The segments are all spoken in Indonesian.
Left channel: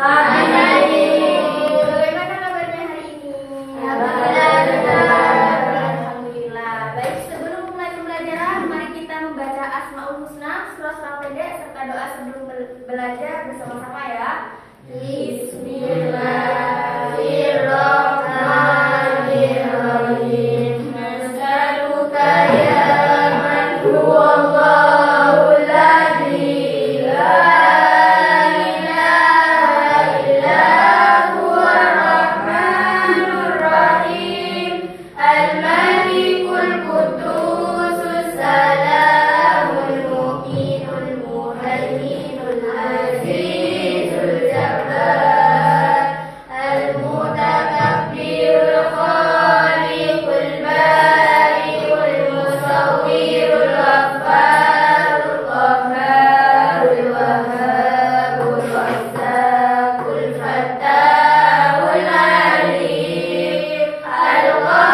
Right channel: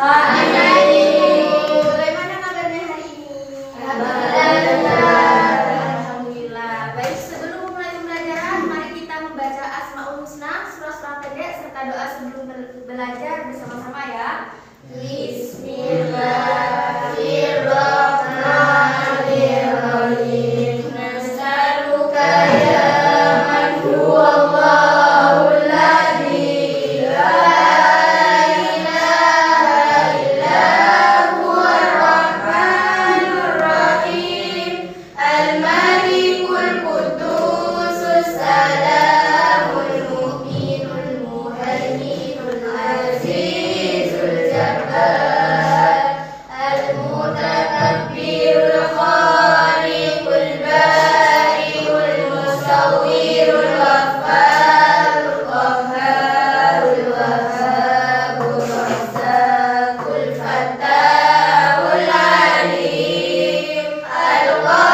Bagaimana kabarnya hari ini? Alhamdulillah. Baik, sebelum mulai pembelajaran, mari kita membaca Asmaul Husna, surah-surah pendek serta doa sebelum belajar bersama-sama ya. Bismillahirrahmanirrahim. Nas'aluka ya man huwallahul ladzi la ilaha illa huwar rahmanur rahim al-malikul qudusus salamul mu'minul muhaiminul azizul jabbar al-mutakabbirul khaliqul bari'ul musawwirul ghaffarul qahharul wahhabul razzaqul fattahul alim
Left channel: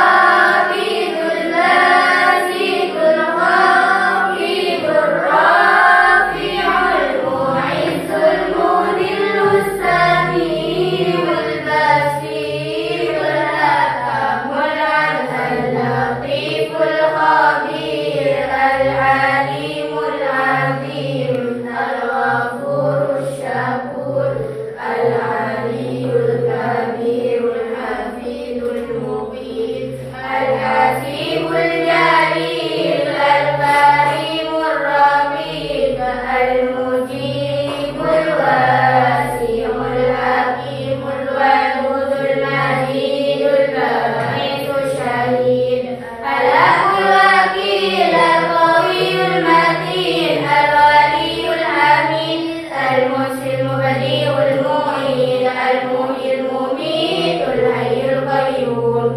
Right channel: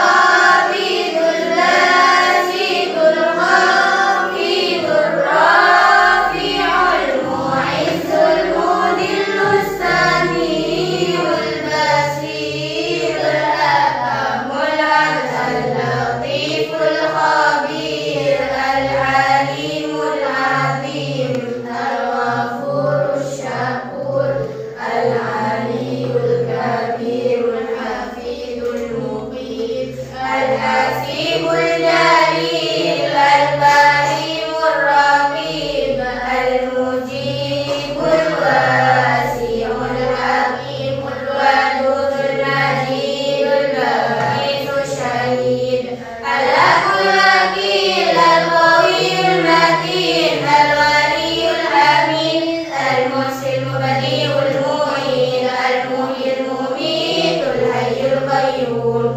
al-qabidul basidul khafidul rafi'ul mu'izzul mudillus sami'ul basirul hakamul adl latiful khabir al-alimul azim al-ghafurul syakur al-aliyul kabirul hafidul muqit al-hasimul jalil al-karimur rabib al-mujibul wasi'ul hakimul wadudul majidul ba'isul syahid al-aqul wakil al-qawiyul matin al-waliyul hamid al-musil mubadi'ul mu'id al-muhyil mumitul hayyul qayyum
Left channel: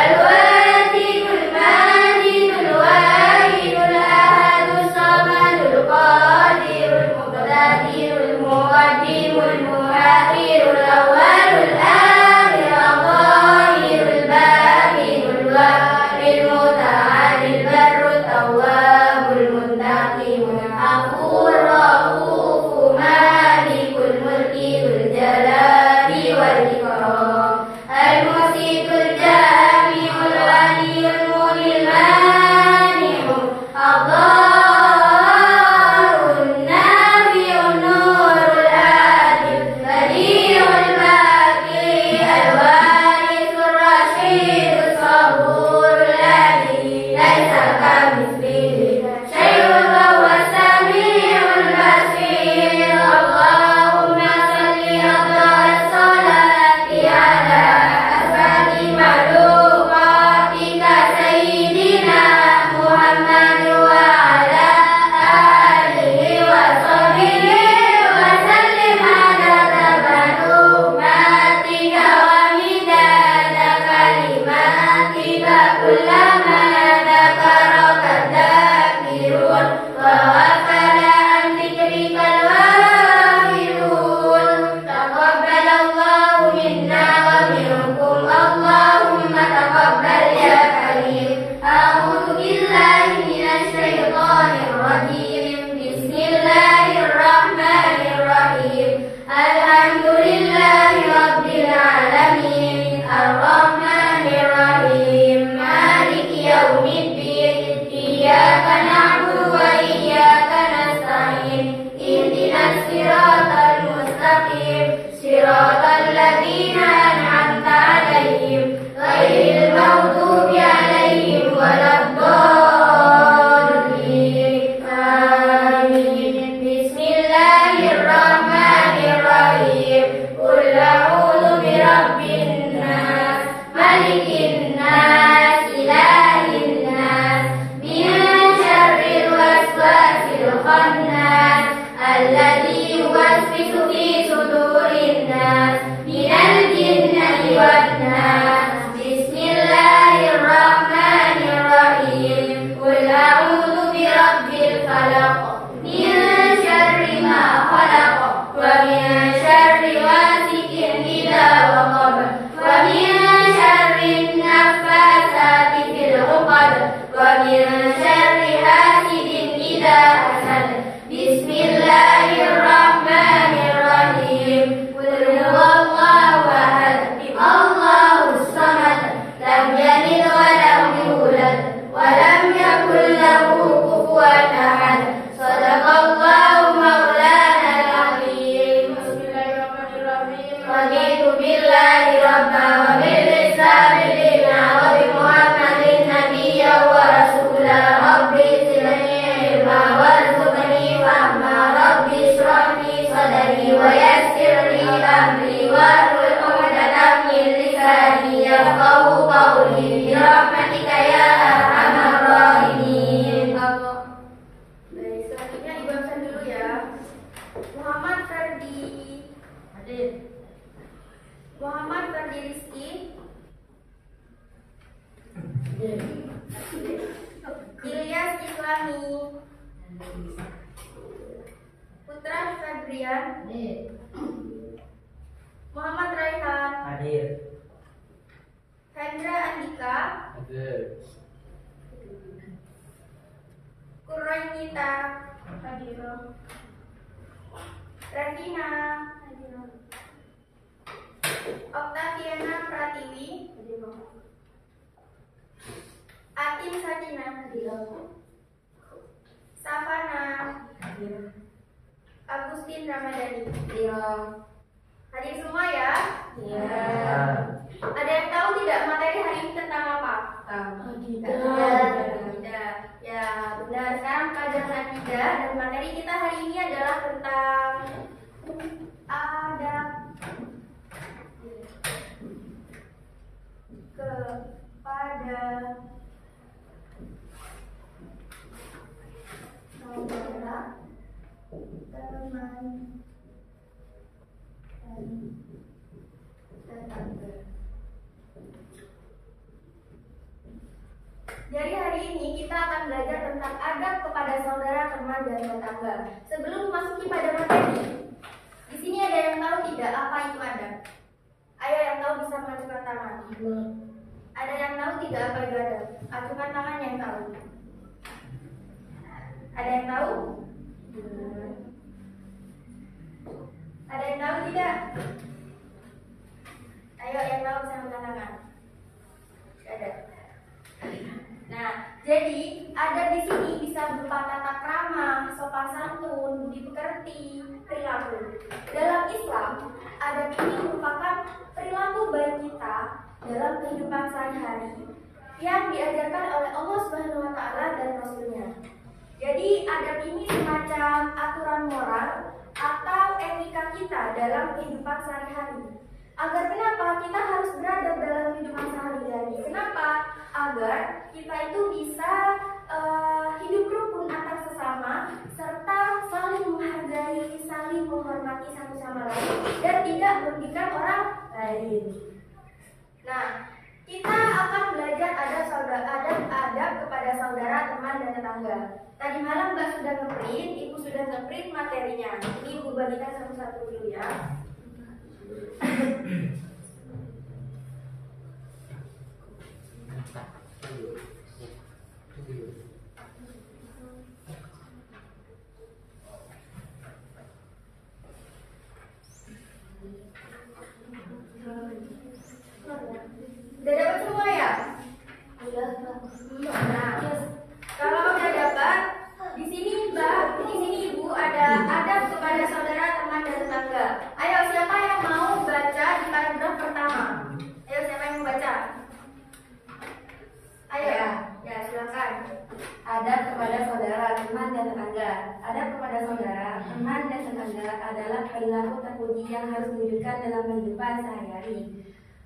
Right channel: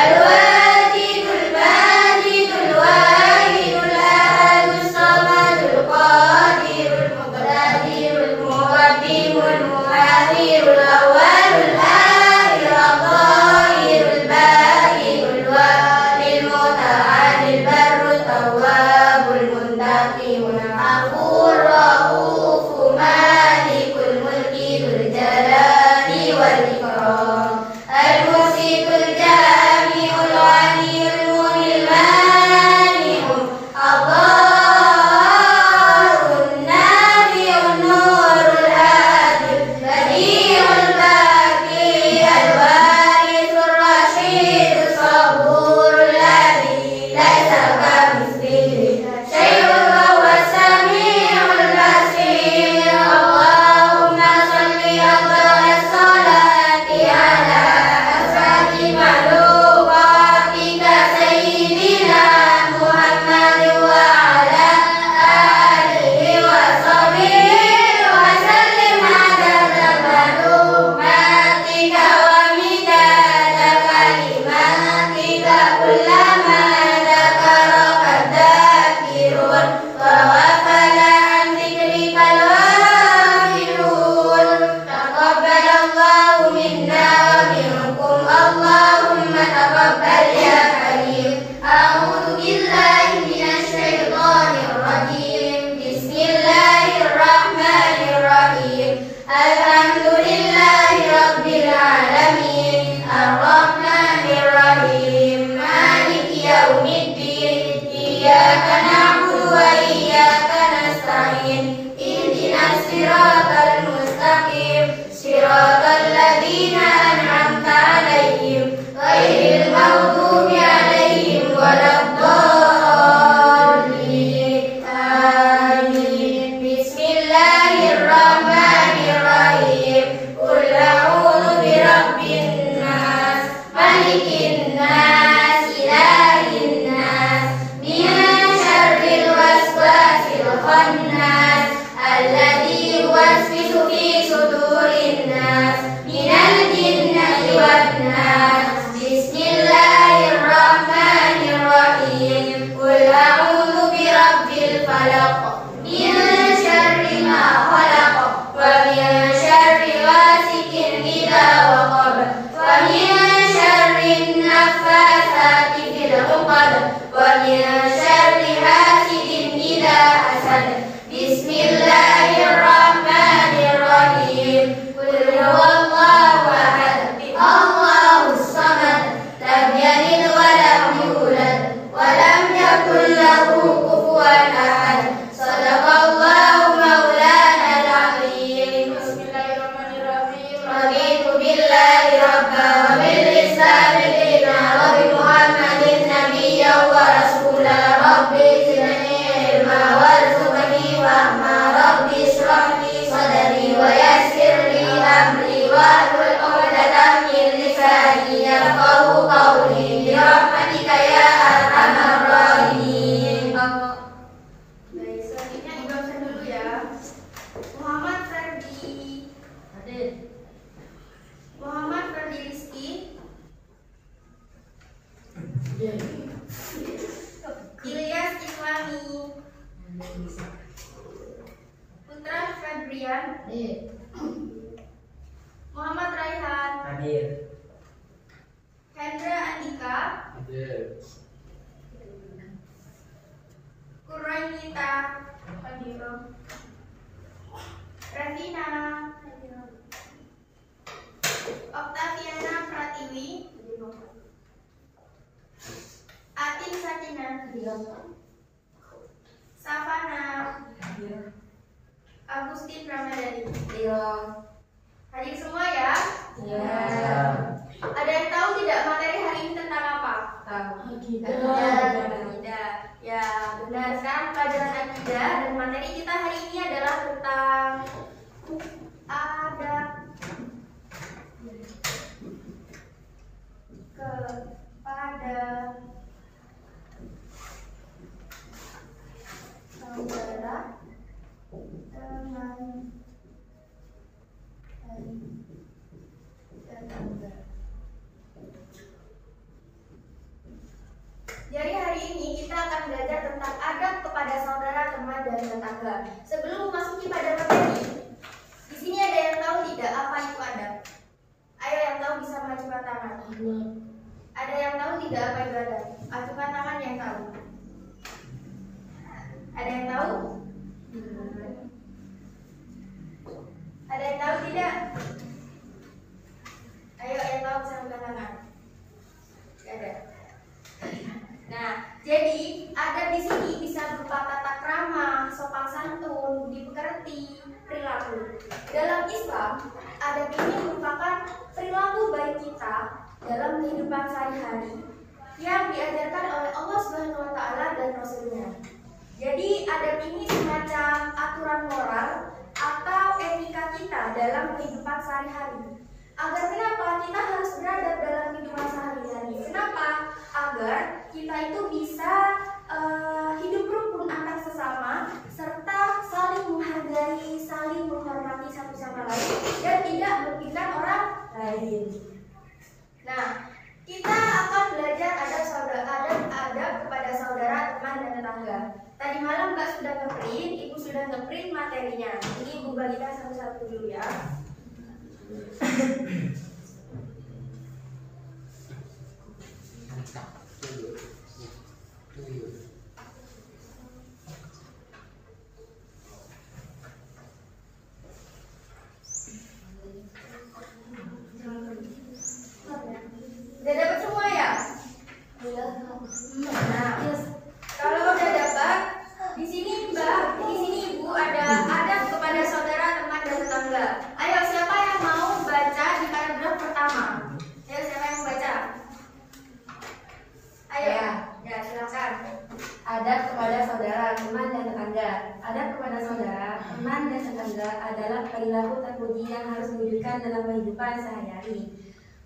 al-wajidul majidul wahidul ahadus samadul qadirul muqtadirul muqaddimul muakhirul awwalul akhir al-zahirul batinul walil muta'alil barru tawwabul muntaqimul afur ra'ufu malikul mulki dzul jalali wal ikram al-musitul jami'ul ghaniyul munil mani'un ad-darun nafi'un nurul adil badi'ul baqi al-warithur rasyidus saburul ladzi laisa kamitslihi syai'un wa huwas sami'ul Febrian. Hadir. Muhammad Raihan. Hadir. Hendra Andika. Hadir. Kurainita. Hadir. Revina. Hadir. Oktaviana Pratiwi. Atin Sakina. Hadir. Savana. Hadir. Agustin Ramadhani. Hadir. Hadir semua ya? Ya. Ada yang tahu tidak materi hari ini tentang apa? Tahu. Akidah. Ya, benar. Sekarang pelajaran akidah dan materi kita hari ini adalah tentang adab kepada saudara, teman, dan tetangga. Jadi hari ini kita akan belajar tentang adab kepada saudara, teman, dan tetangga. Sebelum memasuki pada materi, di sini ada yang tahu tidak apa itu adab? Ayo yang tahu bisa mengajukan tangan. Ada yang tahu tidak apa itu adab? Ajukan tangan yang tahu. Ada yang tahu? Ada yang tahu tidak? Ayo yang tahu bisa angkat tangan. Tidak ada. Nah, jadi adab di sini bisa berupa tata krama, sopan santun, budi pekerti, perilaku. Dalam Islam, adab ini merupakan perilaku baik kita dalam kehidupan sehari-hari yang diajarkan oleh Allah Subhanahu wa taala dan Rasul-Nya. Jadi adab ini semacam aturan moral atau etika kita dalam kehidupan sehari-hari. Agar kenapa kita harus beradab dalam kehidupan sehari-hari? Kenapa? Agar kita itu bisa hidup rukun antar sesama serta saling menghargai, saling menghormati satu sama lain dan tidak merugikan orang lain. Nah, kita akan belajar adab kepada saudara, teman, dan tetangga. Tadi malam Mbak sudah ngeprint, Ibu sudah ngeprint materinya. Ini Ibu bagikan satu-satu dulu ya. Udah dapat semua ya? Nah, kalau udah dapat, di sini Mbak, di sini Ibu ada adab kepada saudara, teman, dan tetangga. Ayo siapa yang mau baca di paragraf pertama? Ayo siapa yang mau baca? Ayo ya silakan. Adab kepada saudara, teman, dan tetangga. Adab kepada saudara, teman, dan tetangga adalah perilaku terpuji yang harus diwujudkan dalam kehidupan sehari-hari.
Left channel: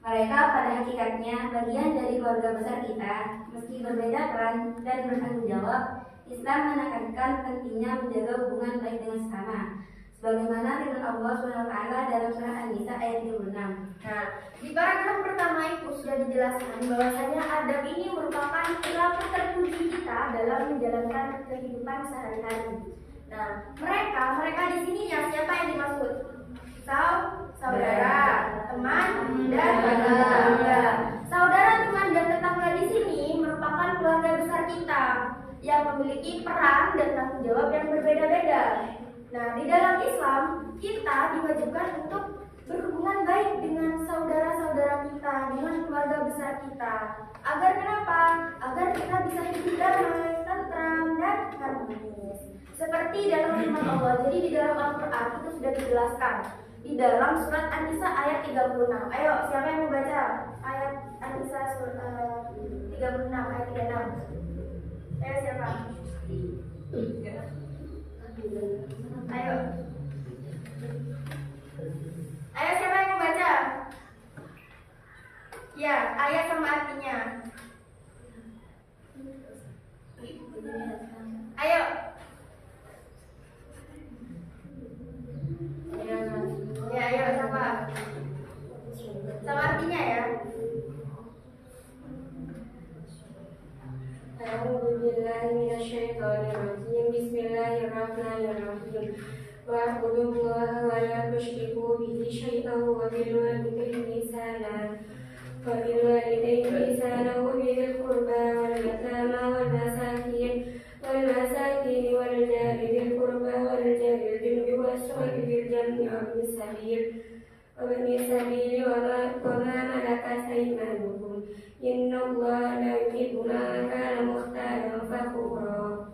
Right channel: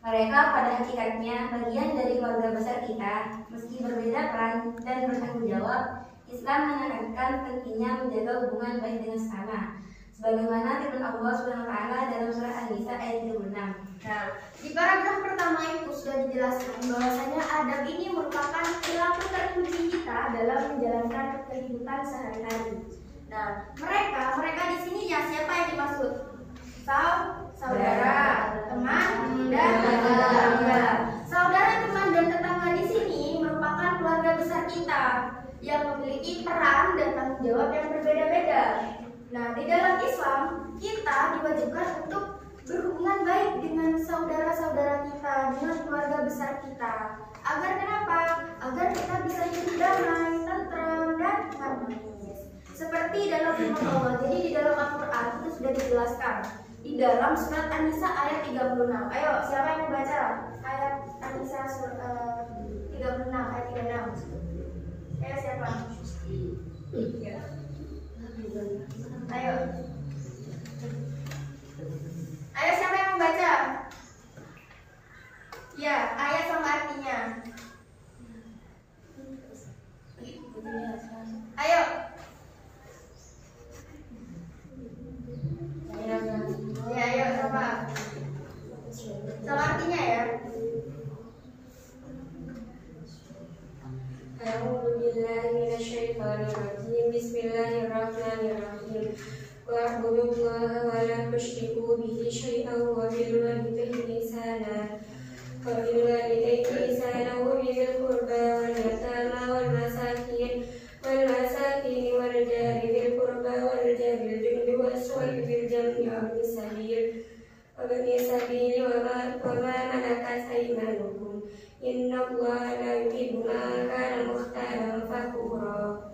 Mereka pada hakikatnya bagian dari keluarga besar kita. Meski berbeda peran dan bertanggung jawab, Islam menekankan pentingnya menjaga hubungan baik dengan sesama. Sebagaimana firman Allah SWT dalam surah An-Nisa ayat 36. Nah, di paragraf pertama itu sudah dijelaskan bahwasanya adab ini merupakan perilaku terpuji kita dalam menjalankan kehidupan sehari-hari. Nah, mereka di sini ya siapa yang dimaksud? Saudara, teman, dan tetangga. Saudara, teman, dan tetangga di sini merupakan keluarga besar kita yang memiliki peran dan tanggung jawab yang berbeda-beda. Nah, di dalam Islam kita diwajibkan untuk berhubungan baik dengan saudara-saudara kita, dengan keluarga besar kita. Agar kenapa? Agar kita bisa hidup damai, tentram, dan harmonis. Seperti dalam firman Allah. Jadi di dalam Al-Quran itu sudah dijelaskan. Di dalam surat An-Nisa ayat 36. Ayo, siapa yang mau baca ayat An-Nisa 36 ayat 36? Ayo siapa? Ayo. Ayo siapa yang mau baca? Ya, ayat sama artinya. Ayo. Ya, ayo siapa? Sama artinya ya. A'udzu billahi minasyaitonir rajim. Bismillahirrahmanirrahim. wa'budullaha wa la tusyriku bihi syai'an wa bil walidayni ihsana wa bil walidayni ihsana wa bil qurba wal yatama wal masakin wal jari bil qurba wal jari bil junubi was-sahibil jambi wa bis sabil wa ma malakat aymanukum innallaha la yuhibbu man kana mukhtalan fakhura.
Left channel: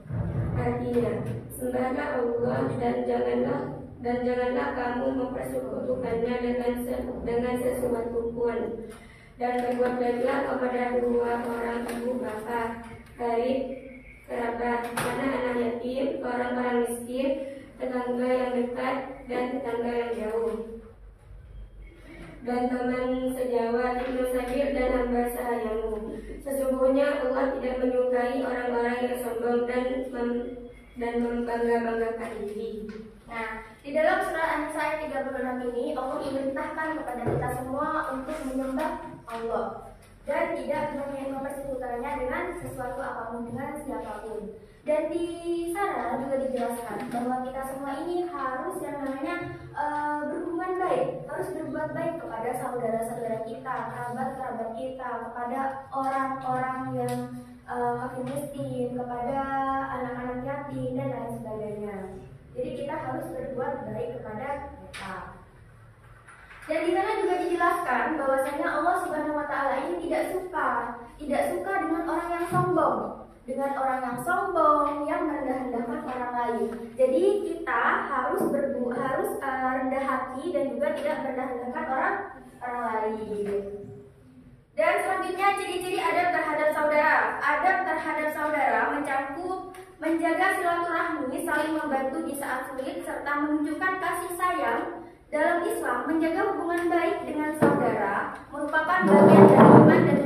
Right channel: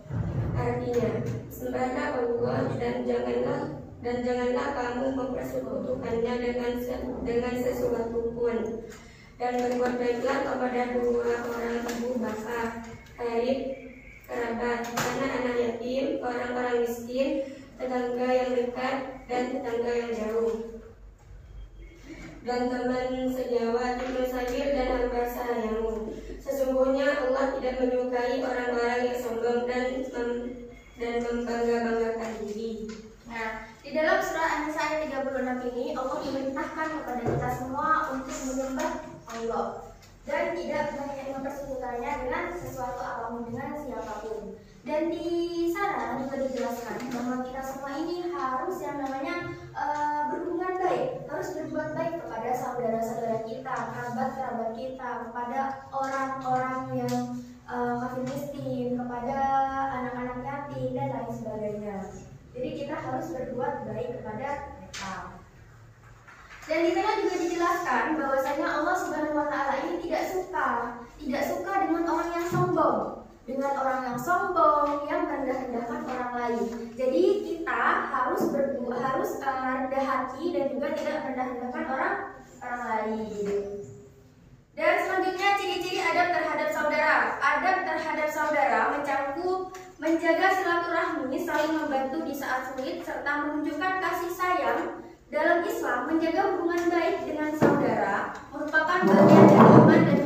Artinya, sembahlah Allah dan janganlah kamu mempersekutukannya dengan sesuatu pun, dan berbuat baiklah kepada dua orang ibu bapa, karib, kerabat, anak-anak yatim, orang-orang miskin, tetangga yang dekat dan tetangga yang jauh, dan teman sejawat, ibnu sabil dan hamba sahayamu. Sesungguhnya Allah tidak menyukai orang-orang yang sombong dan membangga-banggakan diri. Nah, di dalam surah An-Nisa ayat 36 ini Allah memerintahkan kepada kita semua untuk menyembah Allah dan tidak mempersekutukannya dengan sesuatu apapun, dengan siapapun. Dan di sana juga dijelaskan bahwa kita semua ini harus yang namanya berhubungan baik, harus berbuat baik kepada saudara-saudara kita, kerabat-kerabat kita, kepada orang-orang yang kafir miskin, kepada anak-anak yatim dan lain sebagainya. Jadi kita harus berbuat baik kepada mereka. Dan di sana juga dijelaskan bahwasanya Allah Subhanahu wa taala ini tidak suka dengan orang yang sombong, yang merendah-rendahkan orang lain. Jadi kita harus rendah hati dan juga tidak merendah-rendahkan orang lain. Dan selanjutnya ciri-ciri adab terhadap saudara. Adab terhadap saudara menjaga silaturahmi, saling membantu di saat sulit, serta menunjukkan kasih sayang. Dalam Islam, menjaga hubungan baik dengan saudara merupakan bagian dari iman dan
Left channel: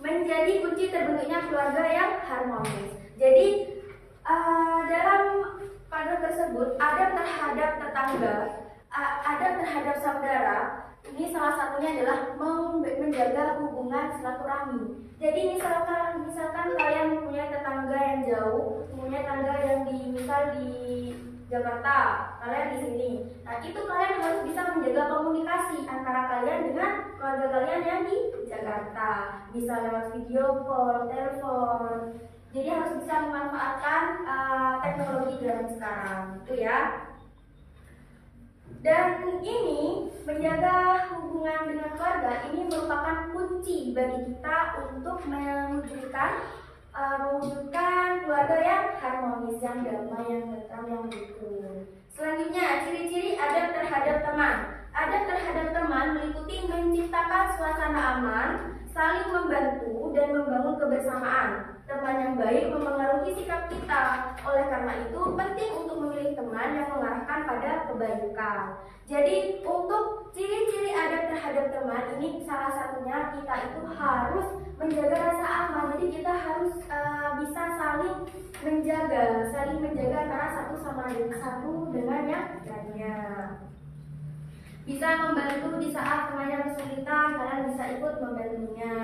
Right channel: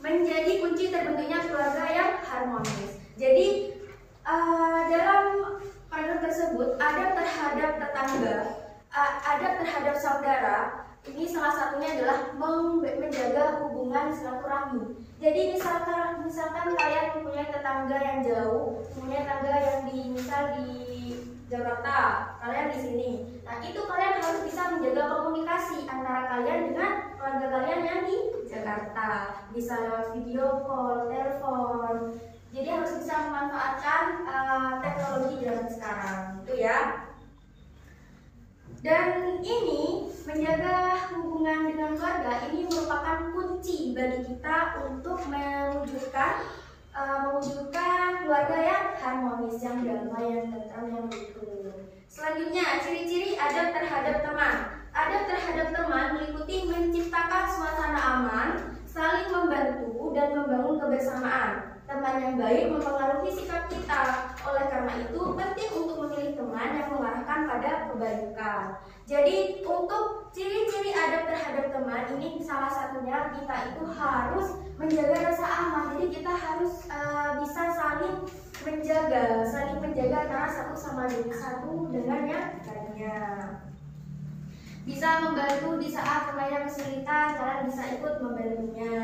menjadi kunci terbentuknya keluarga yang harmonis. Jadi dalam kandung tersebut, adab terhadap tetangga, adab terhadap saudara, ini salah satunya adalah menjaga hubungan silaturahmi. Jadi misalkan kalian mempunyai tetangga yang jauh, mempunyai tetangga yang di Jakarta, kalian di sini. Nah, itu kalian harus bisa menjaga komunikasi antara kalian dengan keluarga kalian yang di Jakarta. Bisa lewat video call, telepon. Jadi harus bisa memanfaatkan teknologi zaman sekarang, itu ya. Dan ini menjaga hubungan dengan keluarga ini merupakan kunci bagi kita untuk mewujudkan keluarga yang harmonis, yang damai, yang tentram, yang rukun. Selanjutnya, ciri-ciri adab terhadap teman. Adab terhadap teman meliputi menciptakan suasana aman, saling membantu, dan membangun kebersamaan. Teman yang baik mempengaruhi sikap kita. Oleh karena itu, penting untuk memilih teman yang mengarahkan pada kebaikan. Jadi, untuk ciri-ciri adab terhadap teman ini salah satunya kita itu harus menjaga rasa aman. Jadi kita harus bisa saling menjaga antara satu dengan yang lainnya. Bisa membantu di saat temannya kesulitan, kalian bisa ikut membantunya.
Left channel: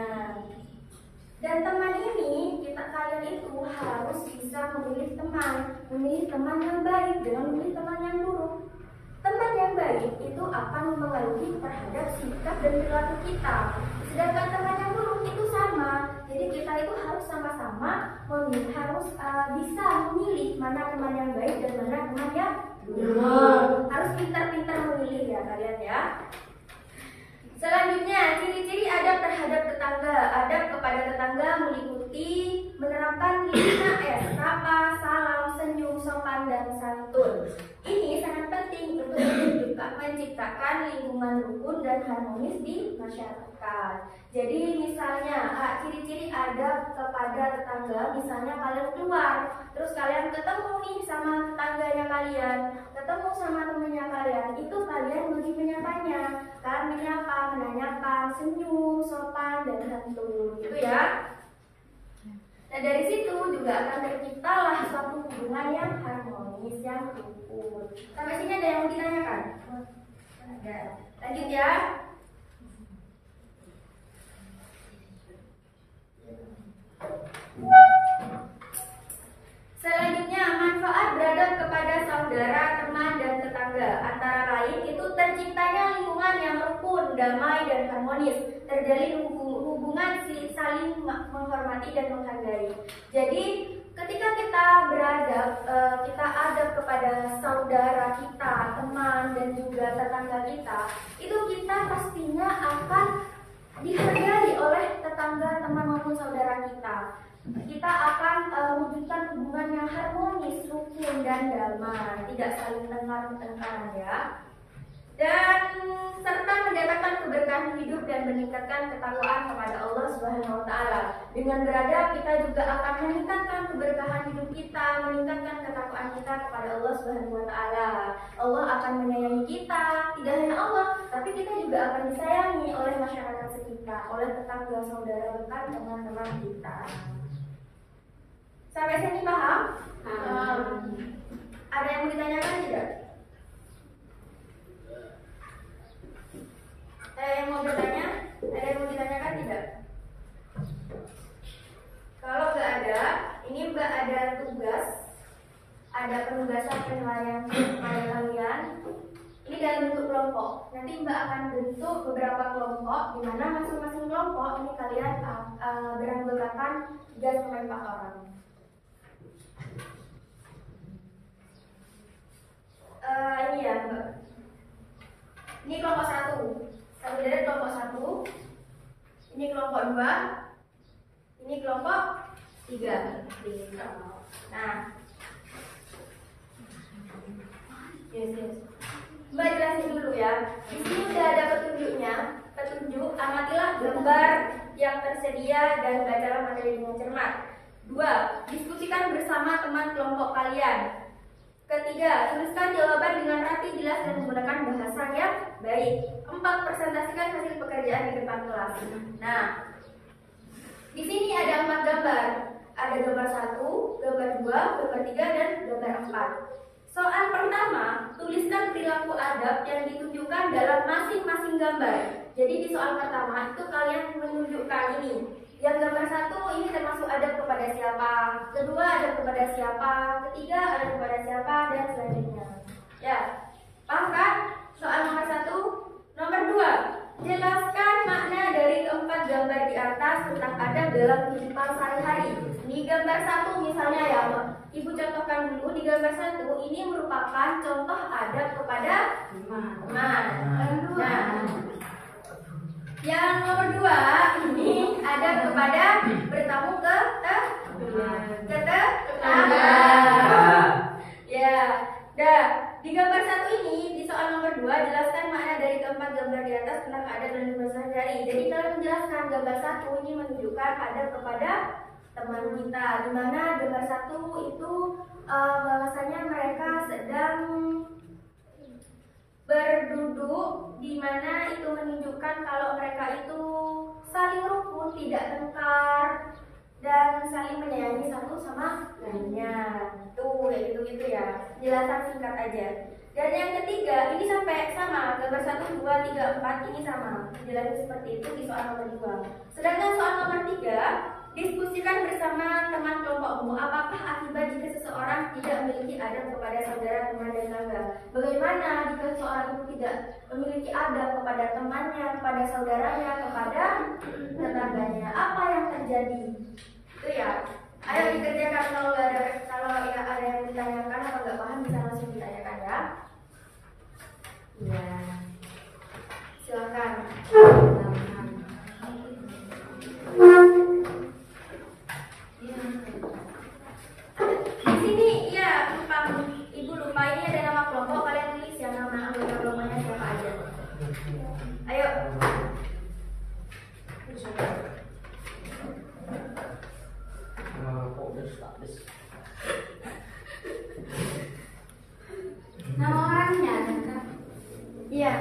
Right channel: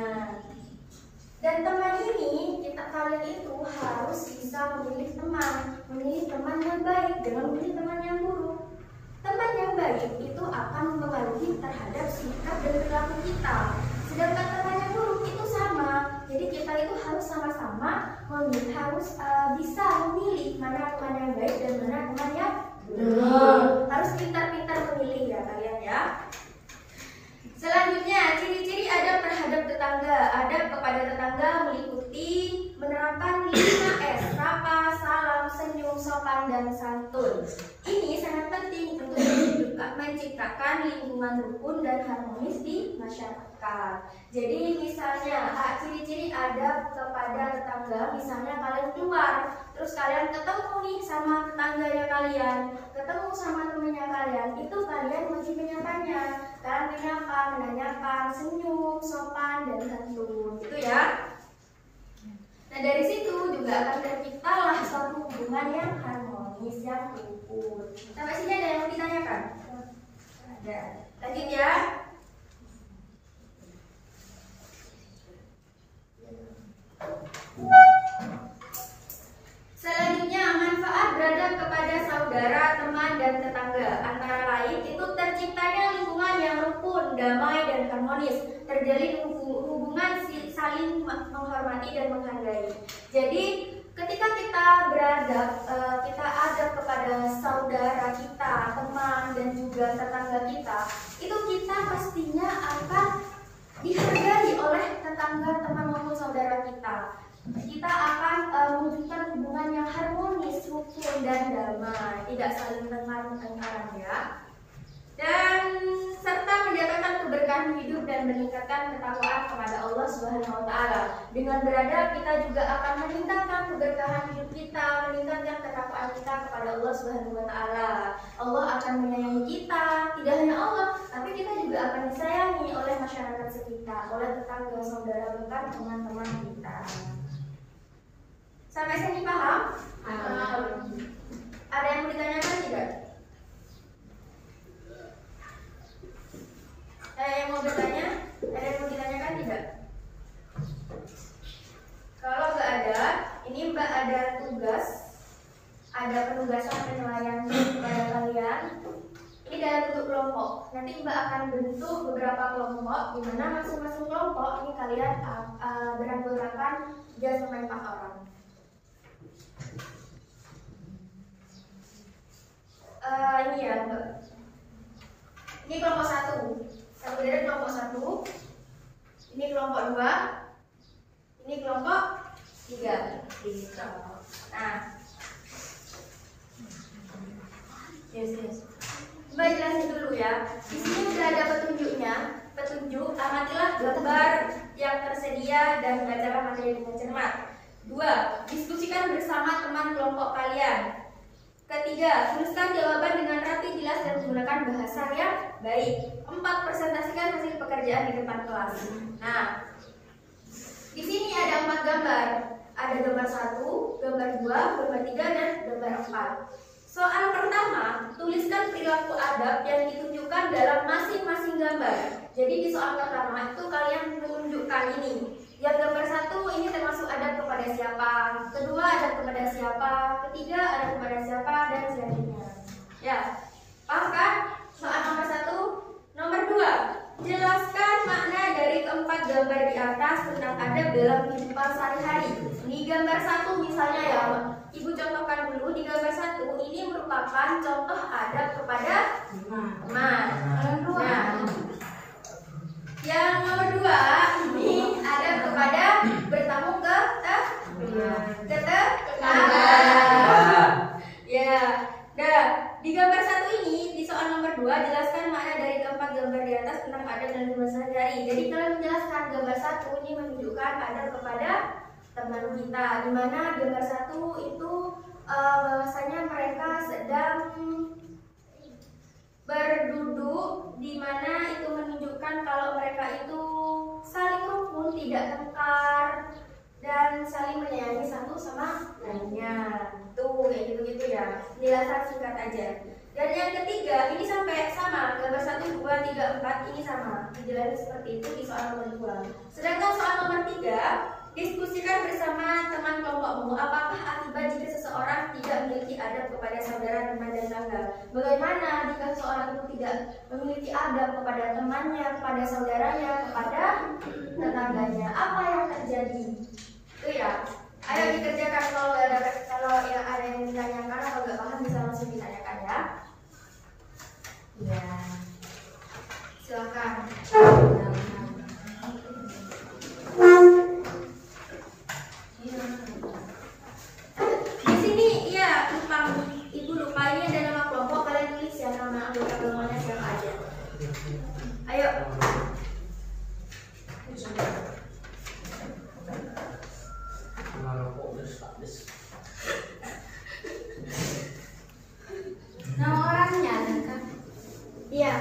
Dan teman ini, kalian itu harus bisa memilih teman yang baik, jangan memilih teman yang buruk. Teman yang baik itu akan mempengaruhi terhadap sikap dan perilaku kita. Sedangkan teman yang buruk itu sama. Jadi kita itu harus sama-sama harus bisa memilih mana teman yang baik dan mana teman yang buruk. Harus pintar-pintar memilih ya kalian ya. Selanjutnya, ciri-ciri adab terhadap tetangga. Adab kepada tetangga meliputi menerapkan 5S, sapa, salam, senyum, sopan, dan santun. Ini sangat penting untuk menciptakan lingkungan rukun dan harmonis di masyarakat. Jadi misalnya, ciri-ciri adab kepada tetangga, misalnya kalian keluar, terus kalian ketemu nih sama tetangganya kalian, ketemu sama temannya kalian, itu kalian wajib menyapanya. Kalian menyapa, menanyakan, senyum, sopan, dan santun, gitu ya. Nah dari situ juga akan terciptalah suatu hubungan yang harmonis, yang rukun. Sampai sini ada yang mau ditanyakan? Ada. Lanjut ya. Selanjutnya, manfaat beradab kepada saudara damai dan harmonis, terjalin hubungan saling menghormati dan menghargai. Jadi ketika kita beradab, kita adab kepada saudara kita, teman dan juga tetangga kita, itu kita pastinya akan dihargai oleh tetangga, teman maupun saudara kita. Kita akan mewujudkan hubungan yang harmonis, rukun dan damai, tidak saling tengkar-tengkaran ya. Dan serta mendatangkan keberkahan hidup dan meningkatkan ketakwaan kepada Allah Subhanahu wa taala. Dengan beradab kita juga akan meningkatkan keberkahan hidup kita, meningkatkan ketakwaan kita kepada Allah Subhanahu wa taala. Allah akan menyayangi kita, tidak hanya Allah, tapi kita juga akan disayangi oleh masyarakat sekitar, oleh tetangga, saudara, bahkan teman-teman kita. Sampai sini paham? Ada yang mau ditanyakan tidak? Ada yang mau bertanya? Ada yang mau ditanyakan tidak? Kalau nggak ada, ini Mbak ada tugas, ada penugasan penilaian dari kalian. Ini dalam bentuk kelompok. Nanti Mbak akan bentuk beberapa kelompok, di mana masing-masing kelompok ini kalian beranggotakan 3-4 orang. Ini ya Mbak. Ini kelompok 1 deret kelompok 1. Ini kelompok 2. Ini kelompok 3. Nah, yes. Mbak jelasin dulu ya. Di sini udah ada petunjuknya. Petunjuk, amatilah gambar yang tersedia dan belajarlah materi dengan cermat. 2. Diskusikan bersama teman kelompok kalian. Ketiga, tuliskan jawaban dengan rapi, jelas dan menggunakan bahasa yang baik. 4. Presentasikan hasil pekerjaan di depan kelas. Nah, di sini ada 4 gambar. Ada gambar 1, gambar 2, gambar 3, dan gambar 4. Soal pertama, tuliskan perilaku adab yang ditunjukkan dalam masing-masing gambar. Jadi di soal pertama itu kalian menunjukkan ini. Yang gambar 1 ini termasuk adab kepada siapa, kedua adab kepada siapa, ketiga adab kepada siapa, dan selanjutnya. Ya, paham kan? Soal nomor 1. Nomor 2, jelaskan makna dari keempat gambar di atas tentang adab dalam kehidupan sehari-hari. Di gambar 1 misalnya ya, Ibu contohkan dulu. Di gambar 1 ini merupakan contoh adab kepada teman. Nah, yang nomor 2 ini adab kepada bertamu ke tetangga. Ya. Nah, di gambar 1 ini di soal nomor 2 jelaskan makna dari keempat gambar di atas tentang adab dan kehidupan sehari-hari. Jadi kalian menjelaskan gambar 1 ini menunjukkan adab kepada teman kita, di mana gambar 1 itu bahwasanya mereka sedang berduduk, di mana itu menunjukkan kalau mereka itu saling rukun, tidak tengkar, dan saling menyayangi satu sama lainnya. Tuh kayak gitu-gitu ya. Penjelasan singkat aja. Dan yang ketiga ini sampai sama, gambar 1, 2, 3, 4 ini sama. Dijelasin seperti itu di soal nomor 2. Sedangkan soal nomor 3, diskusikan bersama teman kelompokmu apakah akibat jika seseorang tidak memiliki adab kepada saudara, teman, dan tetangga. Bagaimana jika seseorang itu tidak memiliki adab kepada temannya, kepada saudaranya, kepada tetangganya? Apa yang terjadi? Itu ya. Ayo dikerjakan. Kalau ada yang ditanyakan atau nggak paham bisa langsung ditanyakan ya. Iya. Silakan. Di sini iya, Ibu lupa ini ada nama kelompok, kalian tulis ya nama anggota kelompoknya siapa aja. Ayo. Nama orangnya kan? Iya.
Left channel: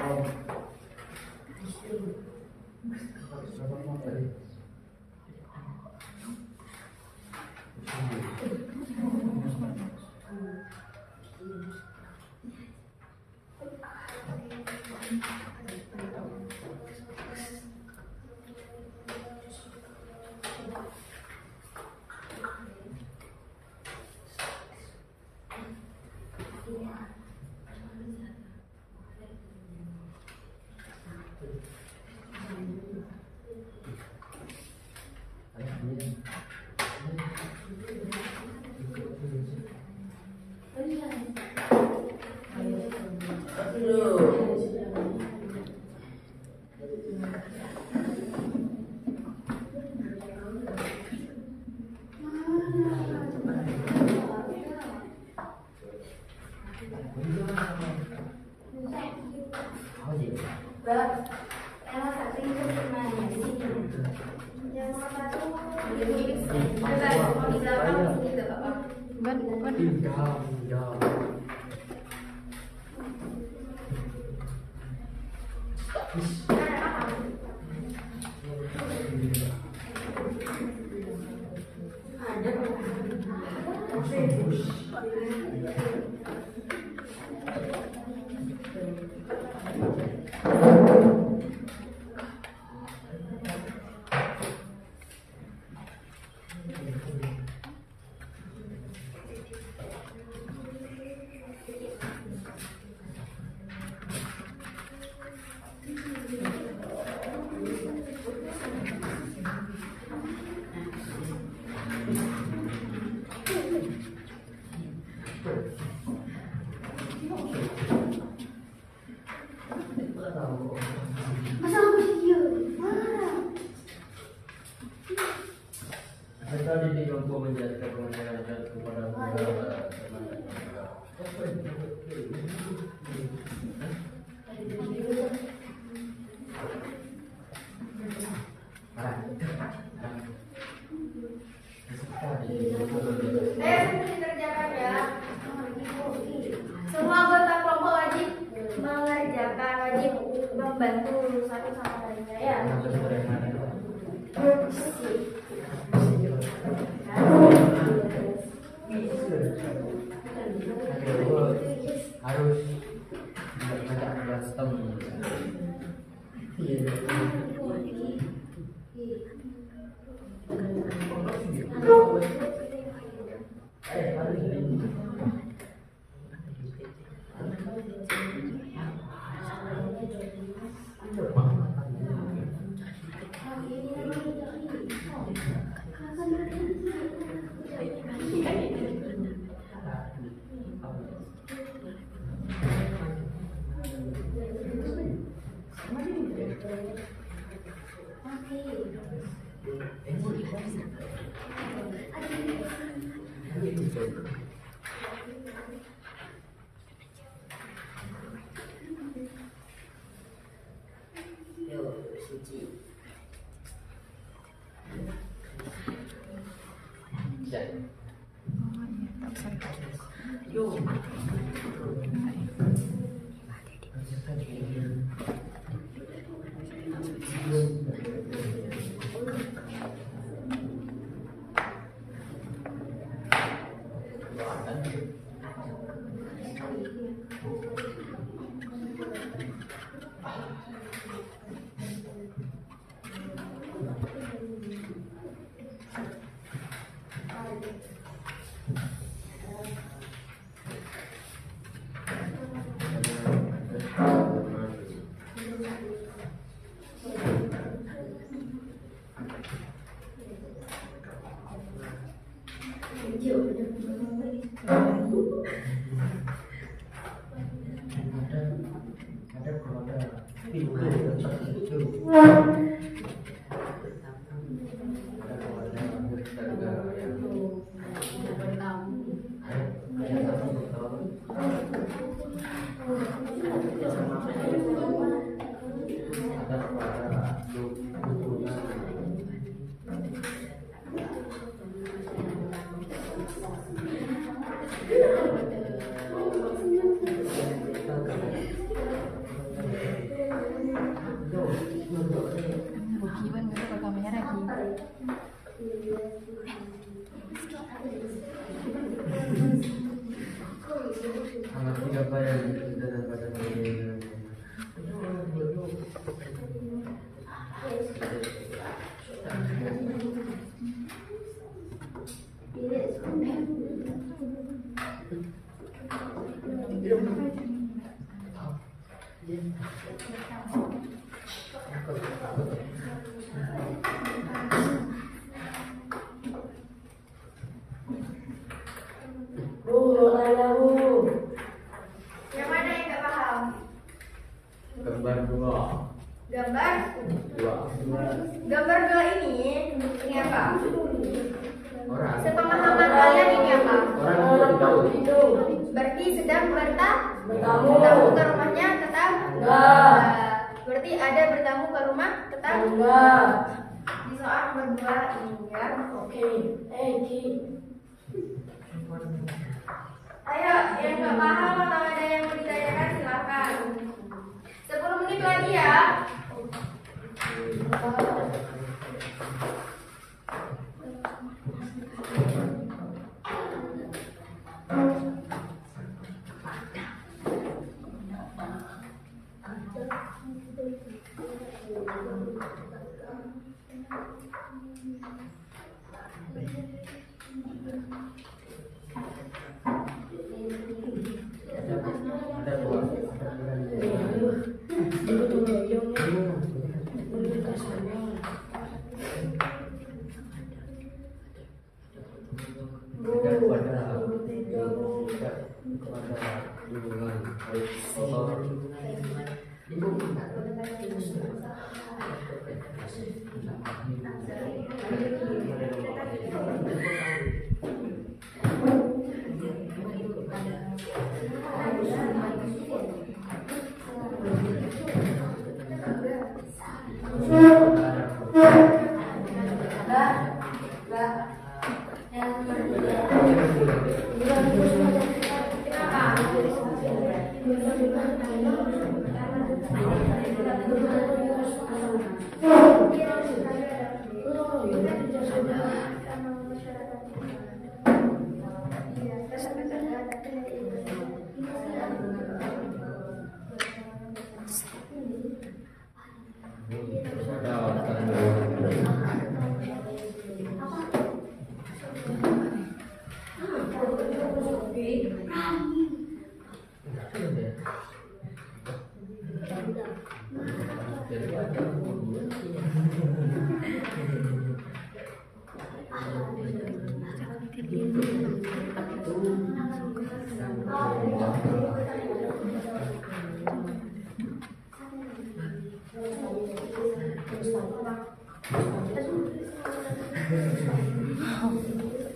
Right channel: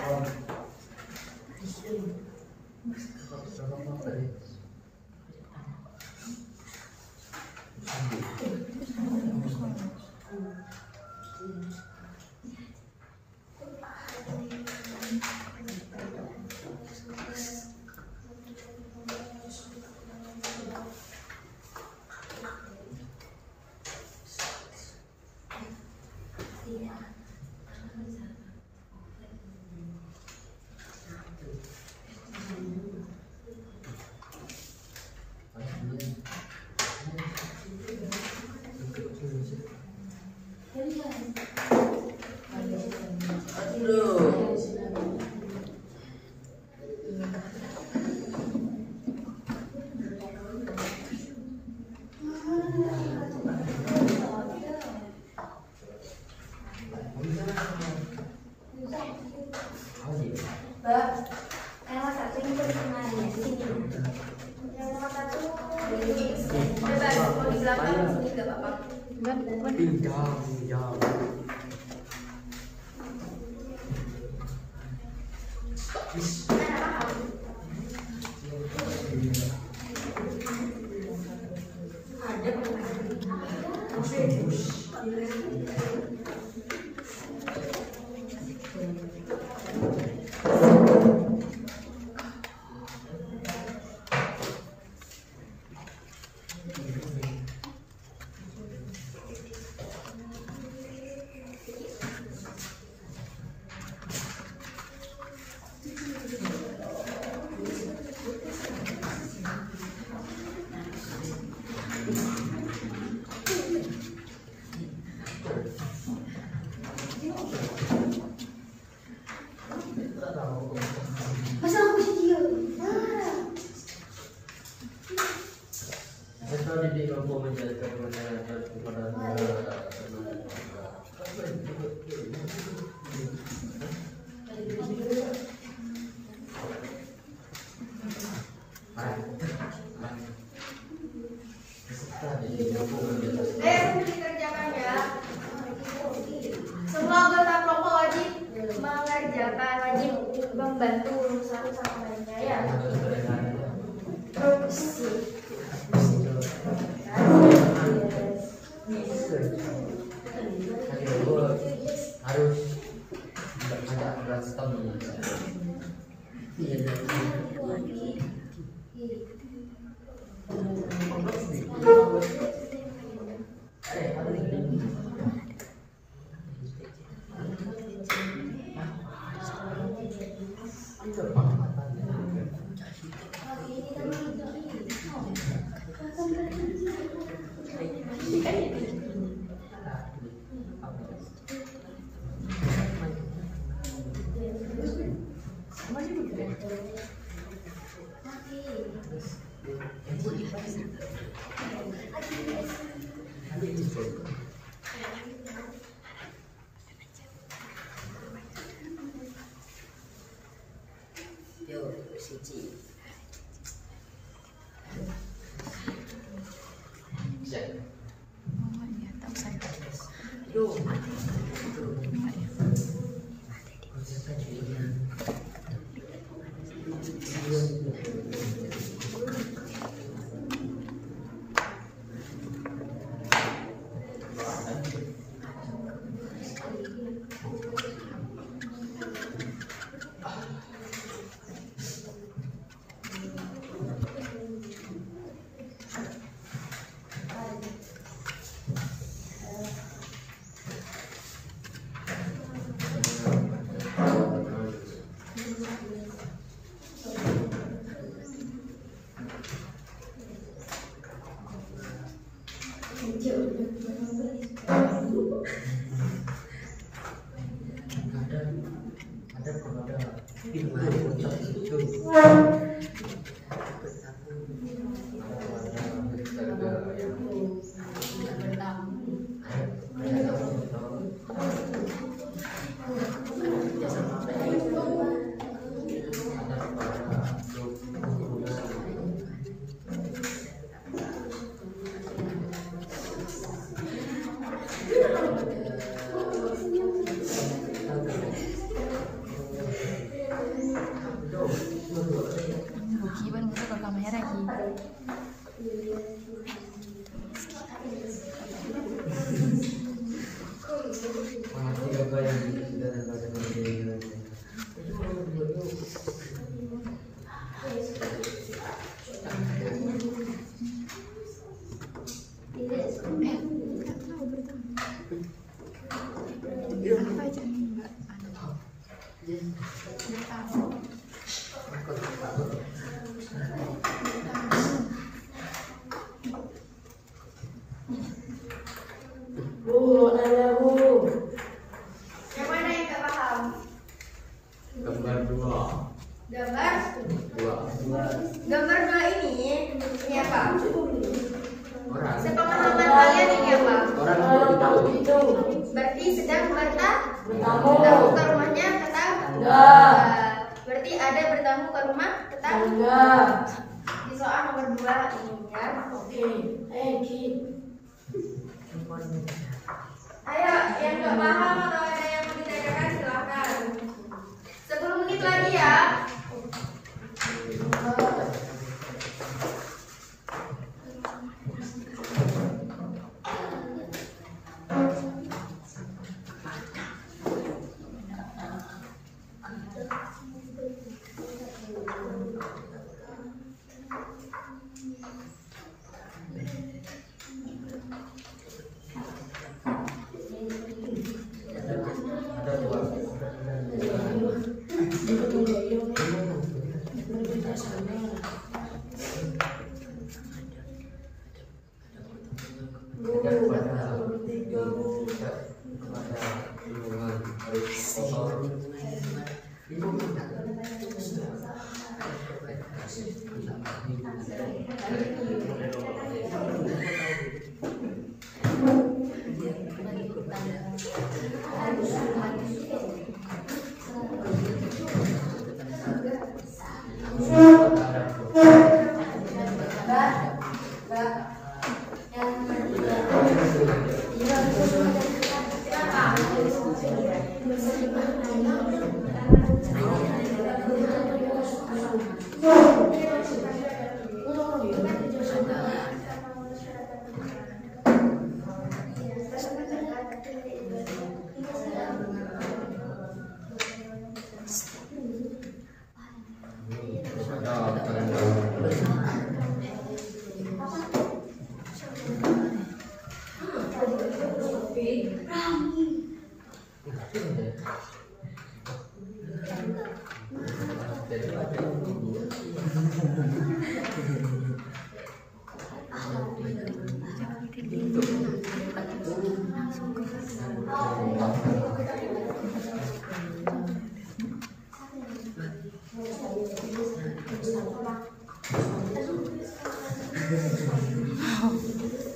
Dikerjakan ya. Semua anggota kelompok wajib mengerjakan, wajib membantu satu sama lainnya ya. Ala sedang Bertamu. bertamu ke rumahnya tetangga. Berarti ada bertamu ke rumah tetangga. Di soal nomor 2 ini ya. Oke. Ki. Ayo, yang nggak paham atau ada yang mau ditanyakan silakan. 10 menit lagi ya.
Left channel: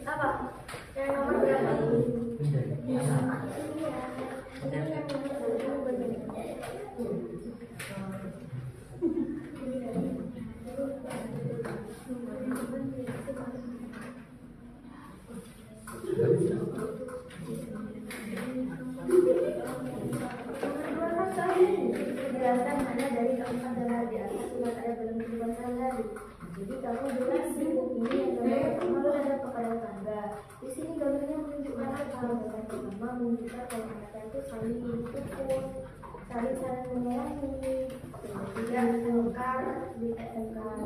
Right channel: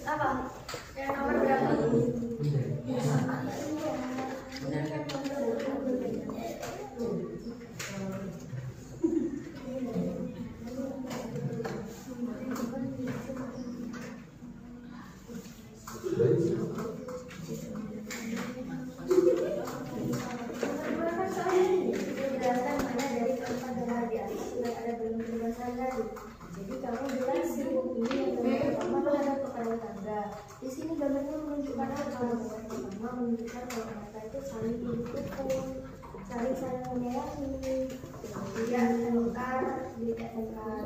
Apa? Yang nomor berapa? Jelaskan mana dari keempat gambar di atas sudah ada belum penjelasan tadi. Jadi kamu bilang si ini yang gambar pertama berada kepada tangga. Di sini gambarnya menunjukkan apa? Gambar pertama menunjukkan kalau mereka itu saling mendukung, saling menyayangi, tidak tengkar, tidak tengkar.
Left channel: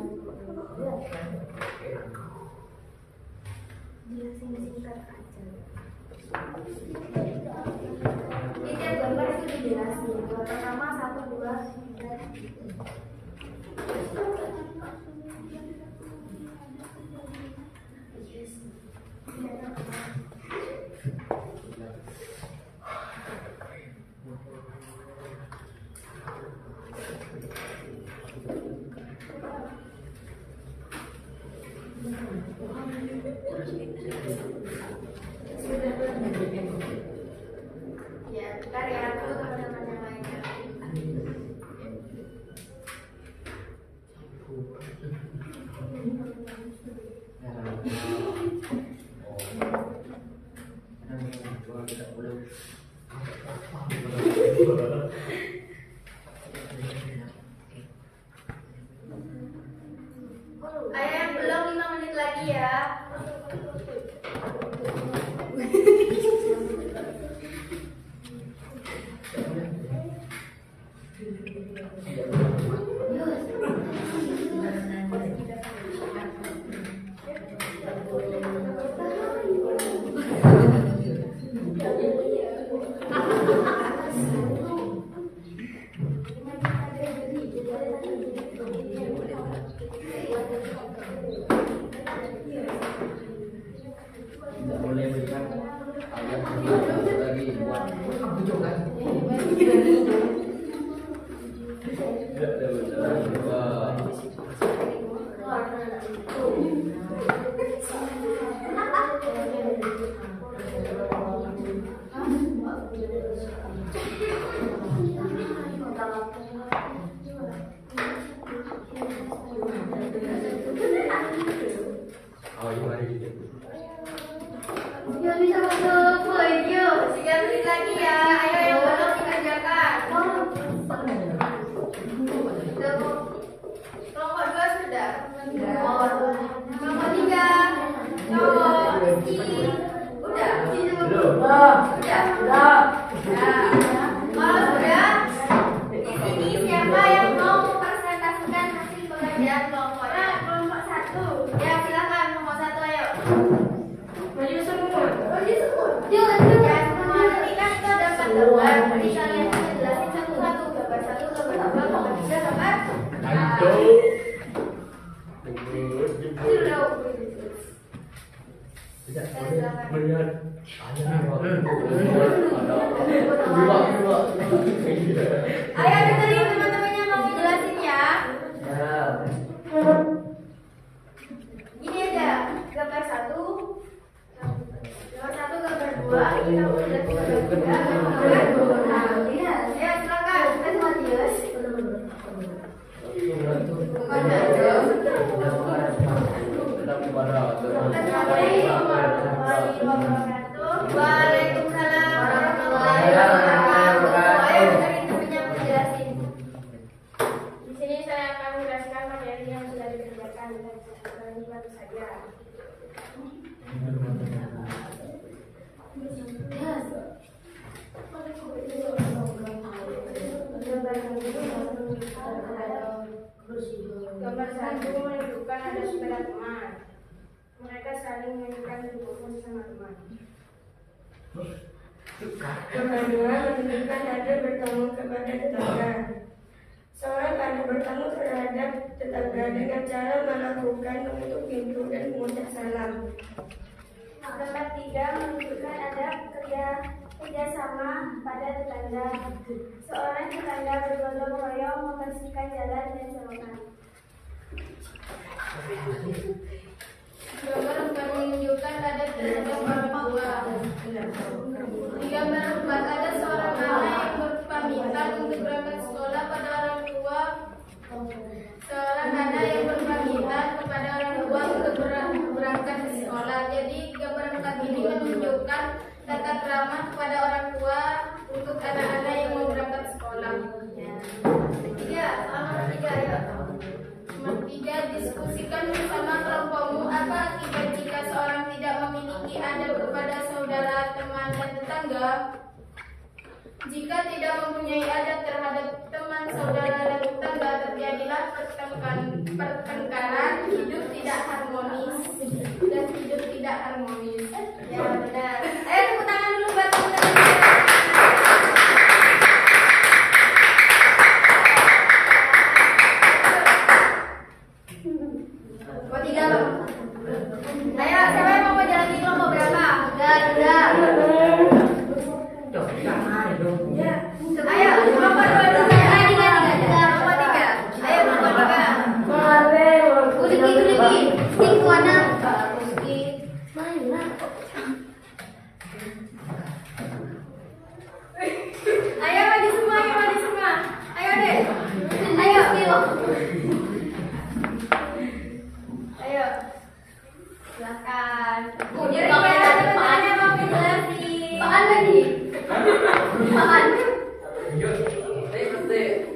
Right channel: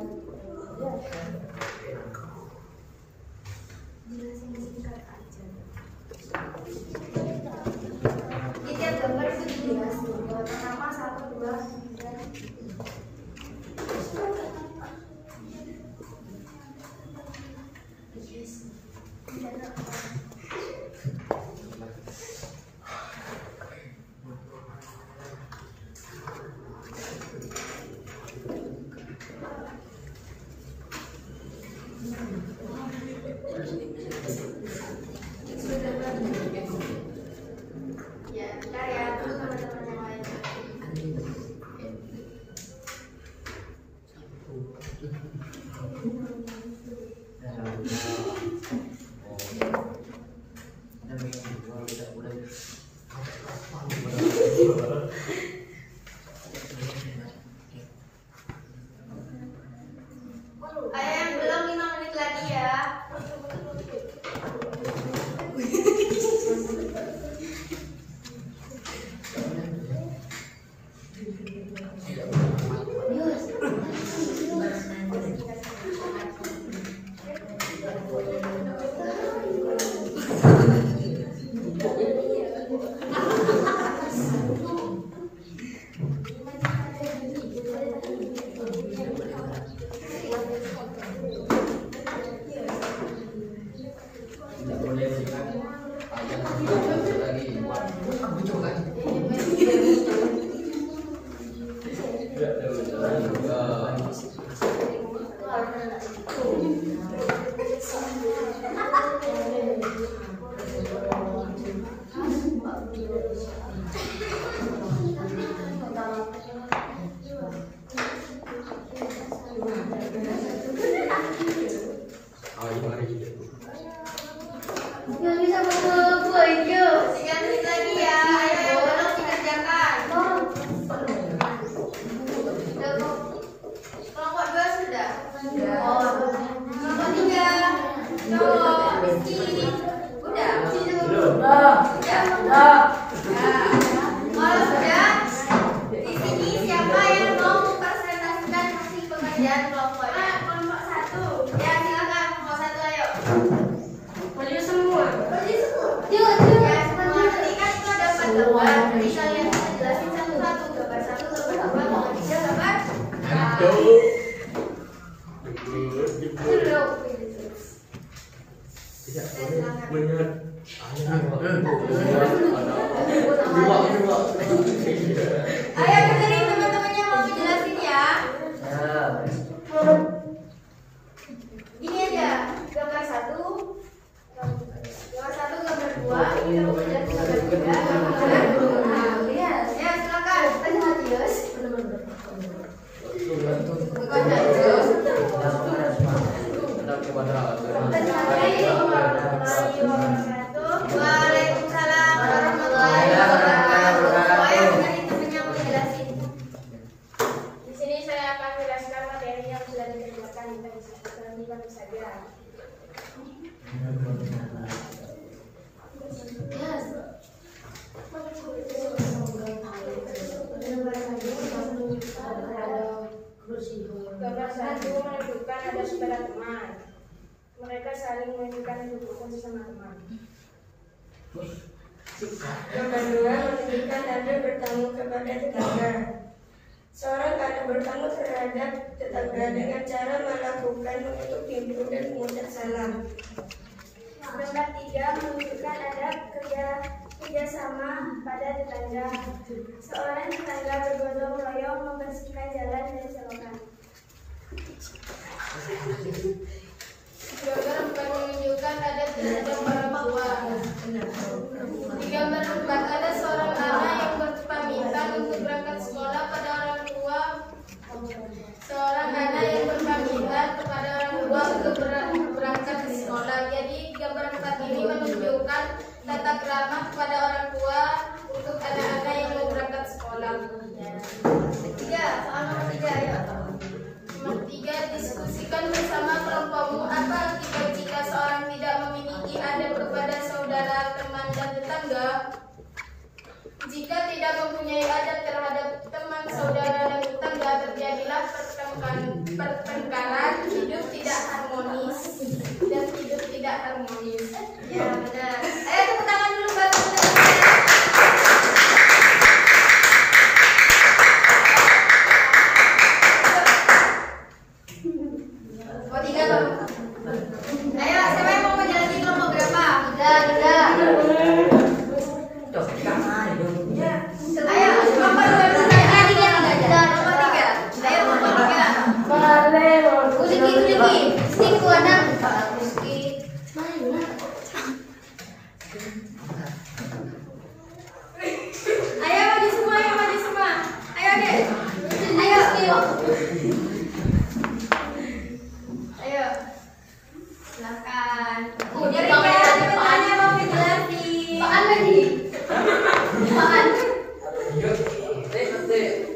Jelasin singkat aja. Tiap gambar itu dijelasin. Gambar pertama 1, 2, 3. Ya, bentar ya, dulu teman-teman yang lain. Ayo yang belum 5 menit lagi ya. Ayo dengerin teman-temannya mau dijelasin ya. Gini aja, gambar 1, gambar 2, ini kamu lihat gambar 3, ya silakan. Matius. Waalaikumsalam warahmatullahi wabarakatuh. Ayo dengerin temannya mau jelasin. Di sini saya akan menjelaskan materi yang sudah dikerjakan tadi baru saja. Gambar 1 menunjukkan ada saudara teman. Mereka saling menunjukkan dukungan sesama teman. Gambar 2 menunjukkan ada bertamu kepada tetangga. Seorang anak bertamu terhadap tetangga dengan cara melakukan menutup pintu dan mengucap salam. Gambar 3 menunjukkan ada kerjasama pada tetangga. Seorang tetangga bergotong royong membersihkan jalan dan selokan. Gambar 4 menunjukkan ada terhadap orang tua. Di gambar 4 ada seorang anak yang berpamitan untuk berangkat sekolah pada orang tua. Seorang anak yang berpamitan kepada orang tua untuk berangkat ke sekolah. Jadi gambar 4 ini menunjukkan tata krama kepada orang tua untuk anak-anak yang mau berangkat sekolah. Nomor 3 ya. Nomor 3, diskusikan bersama kelompokmu apa akibat jika seorang tidak memiliki adab kepada saudara, teman, dan tetangga. Jika tidak mempunyai adab terhadap teman, saudara, dan tetangga, terjadilah pertengkaran, hidup tidak harmonis, dan hidup tidak harmonis. Ya benar. Ayo tepuk tangan dulu buat teman-teman. Ayo, siapa yang mau menjalani kelompok berapa? Tiga. Ayo, kelompok 2 dulu ya. Kelompok 3. Ayo, kelompok 3. Uliki. Stik warna. Ayo maju semua. Ayo deh. Ayo. Silakan. Jadi teman-temannya mau dijelasin.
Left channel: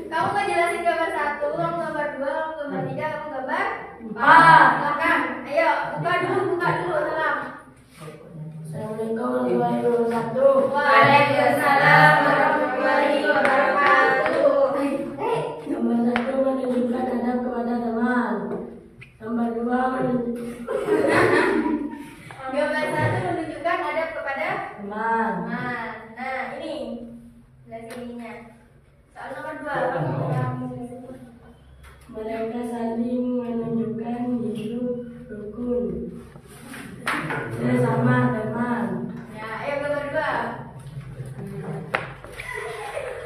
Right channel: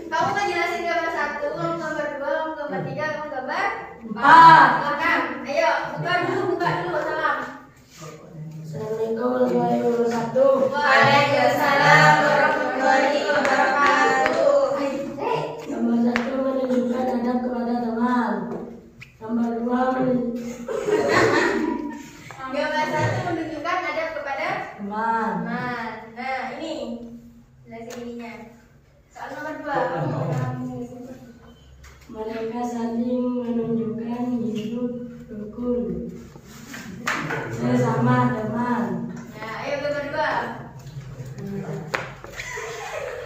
Kamu mau jelasin gambar 1, kamu gambar 2, kamu gambar 3, kamu gambar 4. Silakan. Ayo, buka dulu, salam. Assalamualaikum warahmatullahi wabarakatuh. Waalaikumsalam warahmatullahi wabarakatuh. Gambar 1 menunjukkan adab kepada teman. Gambar 2 Gambar 1 menunjukkan adab kepada teman. teman. Nah, ini jelasin ininya. Soal nomor 2. Mereka saling menunjukkan hidup rukun sesama teman. Nah, ayo gambar 2.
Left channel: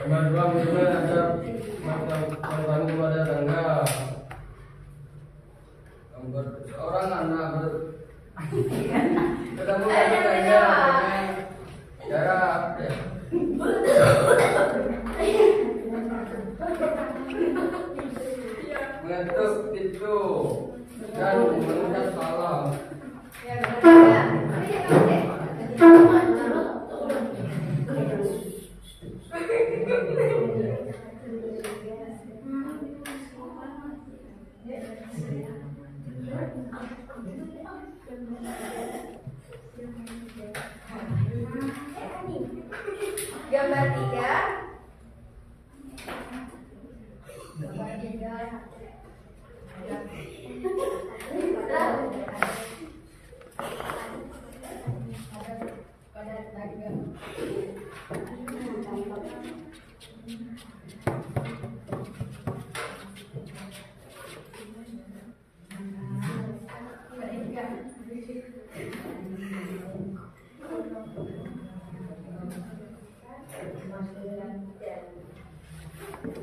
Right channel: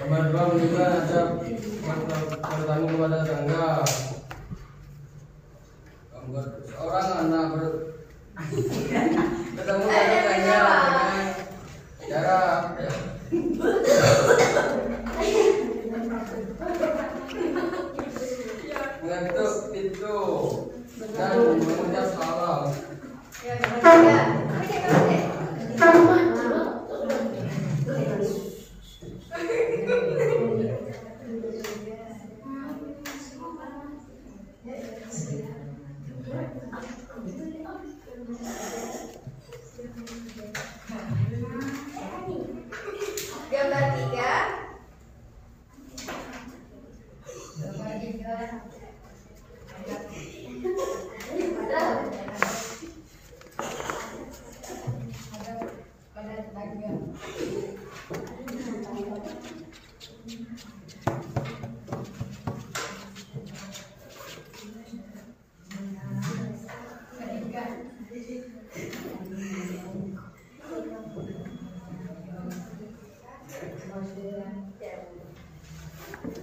Gambar 2 menunjukkan adab bertamu kepada tetangga. Gambar seorang anak bertemu dengan tetangga jarak mengetuk pintu dan mengucap salam. Ya, gambar 3. Gambar 3.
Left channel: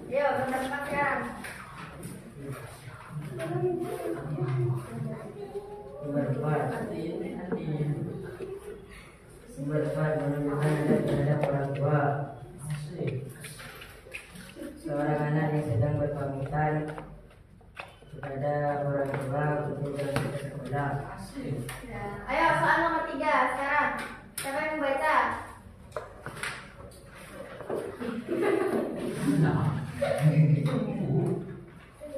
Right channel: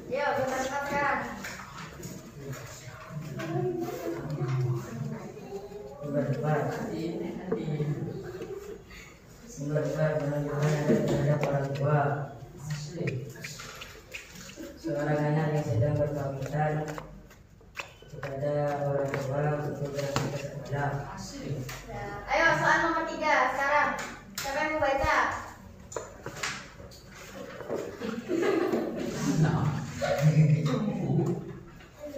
Yo, berangkat sekarang. Berempat menunjukkan adab terhadap orang tua. Seorang anak yang sedang berpamitan kepada orang tua untuk berangkat ke sekolah. Ya, ayo soal nomor 3 sekarang. Siapa yang mau baca?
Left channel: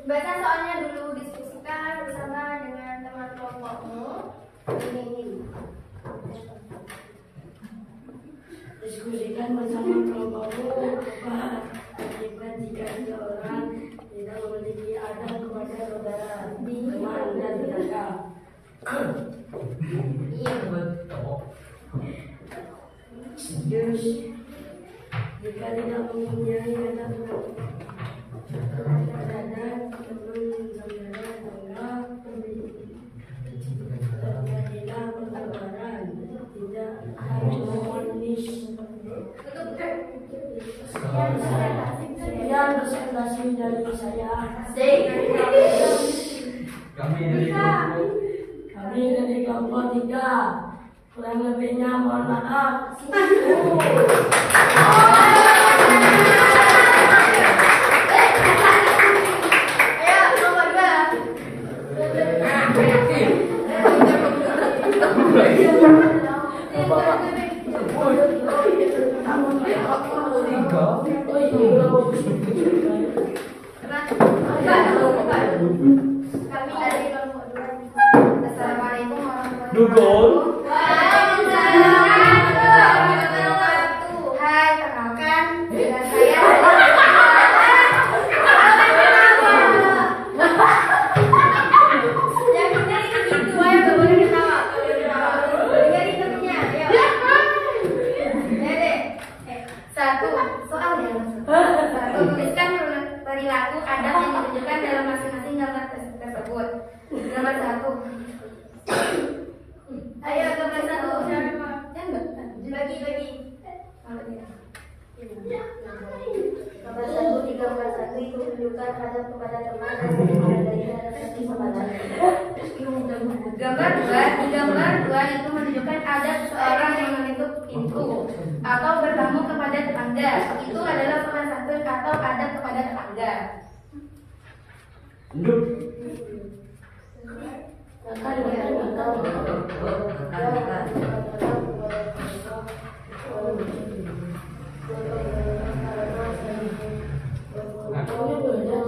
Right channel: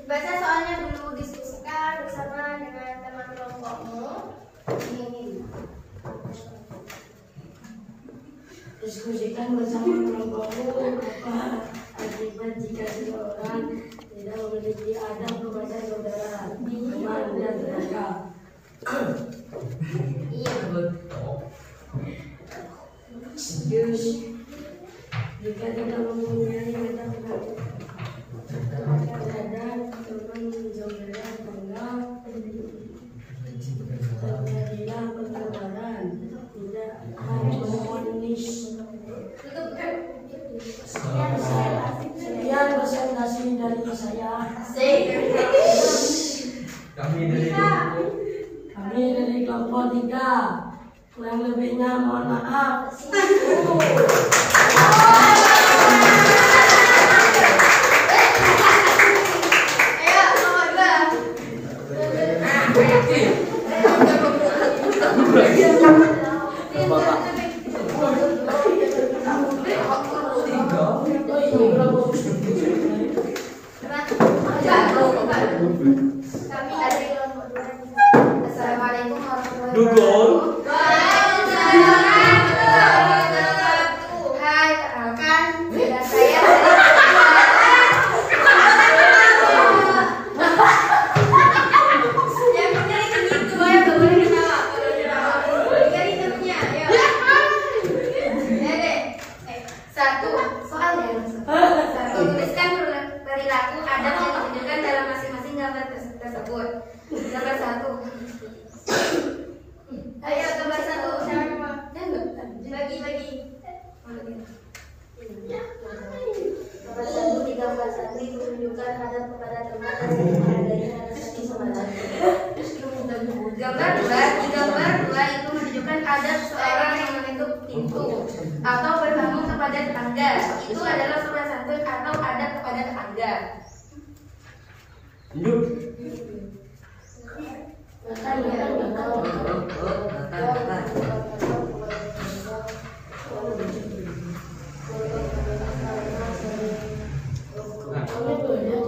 Baca soalnya dulu, diskusikan bersama dengan teman kelompokmu. Diskusikan bersama kelompokmu apa akibat jika seseorang tidak memiliki adab kepada saudara, teman dan tetangga. Jika tidak mempunyai adab terhadap teman saudara tetangga, terjadilah pertengkaran. Tidak harus memfonis. Sekian presentasi dari saya. Kami dari kelompok 3. Kurang lebihnya mohon maaf. Ayo nomor 2. Kami dari kelompok 2. Assalamualaikum warahmatullahi wabarakatuh. Waalaikumsalam warahmatullahi wabarakatuh. Hai, perkenalkan dengan saya. Yang benar itu gitu, ayo gak boleh ketawa. Dengerin temennya, ayo. Ya deh. 1 soal ya. 1 tuliskan perilaku adab yang ditunjukkan dalam masing-masing gambar tersebut. Gambar 1. Ayo gambar 1 siapa? Bagi-bagi. Gambar 1 di gambar 1 itu menunjukkan adab kepada teman dan menghargainya dan saling semangat. Gambar 2 di gambar 2 itu menunjukkan adab seorang yang menutup pintu atau bertamu kepada tetangga. Itu adalah sopan santun atau adab kepada tetangga.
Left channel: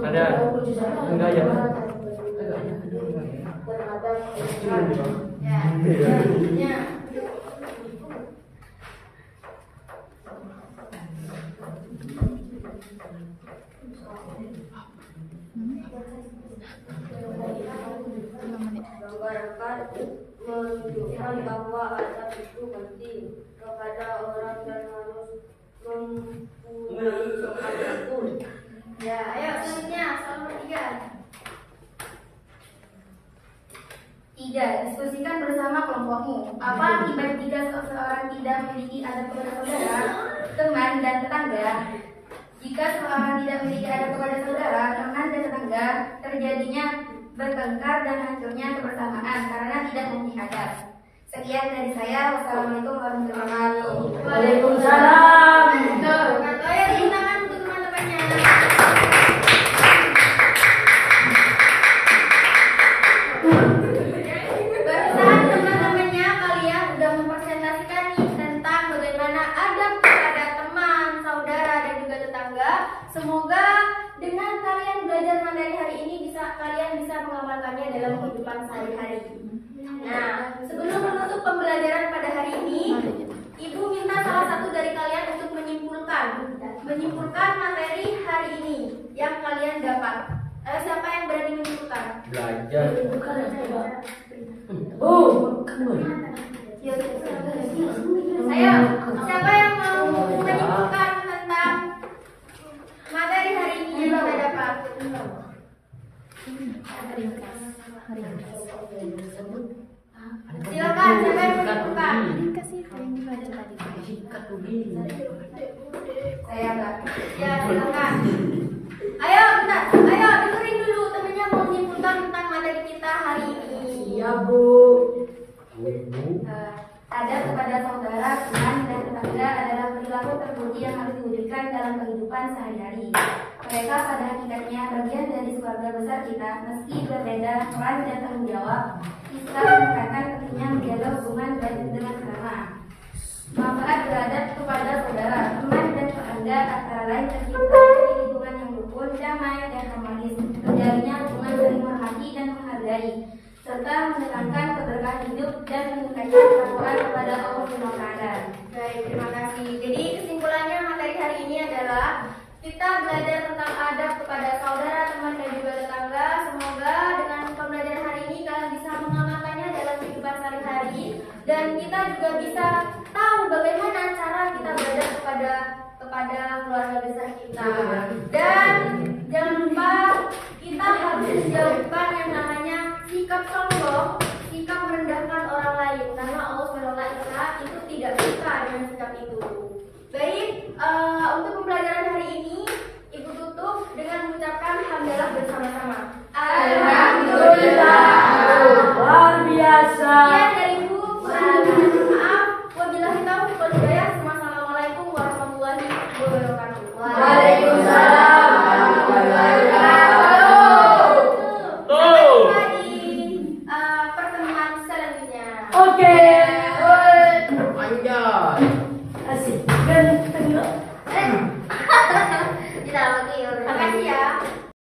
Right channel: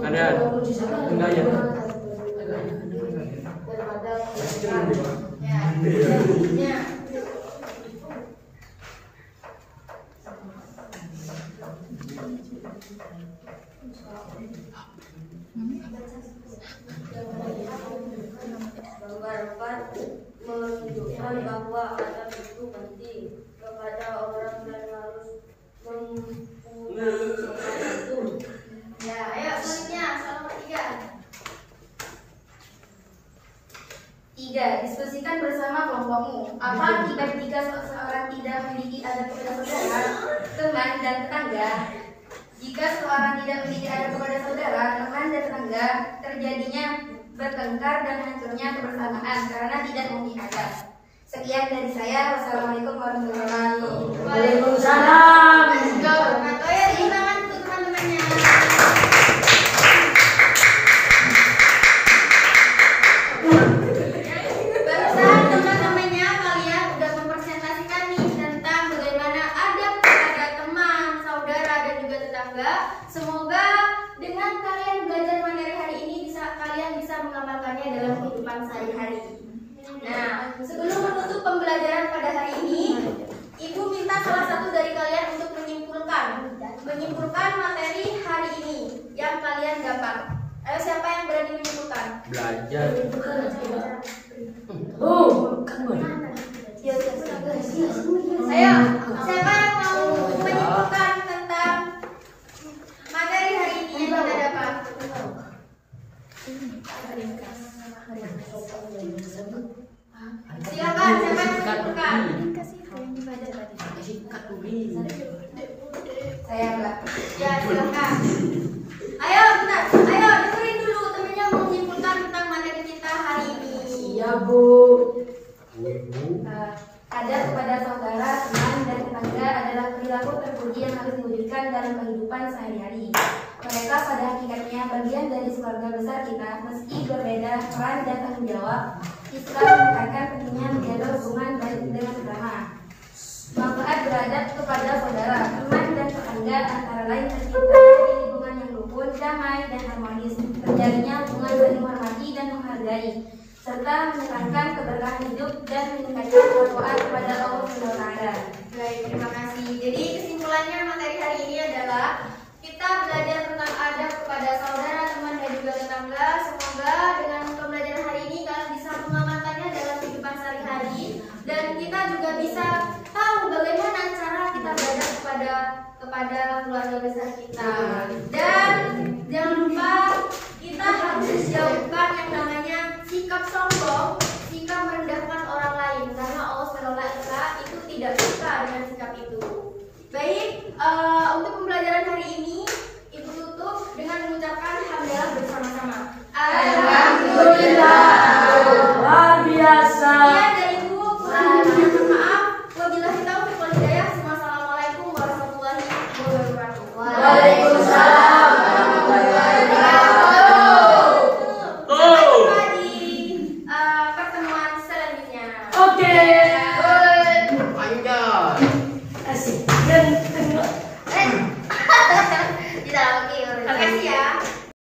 Ada. Enggak ya. Ya. Gambar 4 menunjukkan bahwa adab itu penting kepada orang dan harus mempunyai sopan santun. Ya, ayo selanjutnya soal nomor 3. Diskusikan bersama kelompokmu. Apa akibat jika seseorang tidak memiliki adab kepada saudara, teman dan tetangga? Jika seseorang tidak memiliki adab kepada saudara, teman dan tetangga, terjadinya bertengkar dan hancurnya kebersamaan karena tidak memiliki adab. Sekian dari saya. Wassalamualaikum warahmatullahi wabarakatuh. Waalaikumsalam. Ayo tepuk tangan untuk teman-temannya. Barusan teman-temannya kalian udah mempresentasikan nih tentang bagaimana adab kepada teman, saudara dan juga tetangga. Semoga dengan kalian belajar materi hari ini kalian bisa mengamalkannya dalam kehidupan sehari-hari. Nah, sebelum menutup pembelajaran pada hari ini, Ibu minta salah satu dari kalian untuk menyimpulkan materi hari ini yang kalian dapat. Ayo siapa yang berani menyimpulkan? Belajar. Ayo, siapa yang mau menyimpulkan tentang materi hari ini yang kita dapat? Silakan, siapa yang menyimpulkan? silakan. Ayo, bentar. Ayo, dengerin dulu temennya mau menyimpulkan tentang materi kita hari ini. Iya, Bu. Adab kepada saudara, teman, dan tetangga adalah perilaku terpuji yang harus diwujudkan dalam kehidupan sehari-hari. Mereka pada hakikatnya bagian dari keluarga besar kita, meski berbeda peran dan tanggung jawab. Islam menekankan pentingnya menjaga hubungan baik dengan sesama. Manfaat beradab kepada saudara, teman, dan tetangga antara lain terciptanya di lingkungan yang rukun, damai, dan harmonis, terjadinya hubungan saling menghormati dan menghargai, serta menekankan keberkahan hidup dan meningkatkan ketakwaan kepada Allah Subhanahu wa Ta'ala. Baik, terima kasih. Jadi kesimpulannya materi hari ini adalah kita belajar tentang adab kepada saudara, teman, dan juga tetangga. Semoga dengan pembelajaran hari ini kalian bisa mengamalkannya dalam kehidupan sehari-hari, dan kita juga bisa tahu bagaimana cara kita beradab kepada keluarga besar kita. Dan jangan lupa kita harus menjauhkan yang namanya sikap sombong, sikap merendahkan orang lain, karena Allah SWT itu tidak suka dengan sikap itu. Baik, untuk pembelajaran hari ini Ibu tutup dengan mengucapkan hamdalah bersama-sama. Alhamdulillah. Luar biasa. Sekian dari Ibu, kurang lebihnya mohon maaf. Wabillahi taufiq wal hidayah. Wassalamualaikum warahmatullahi wabarakatuh. Waalaikumsalam warahmatullahi wabarakatuh. Sampai jumpa di pertemuan selanjutnya. Oke. Panjang. Asik. Dan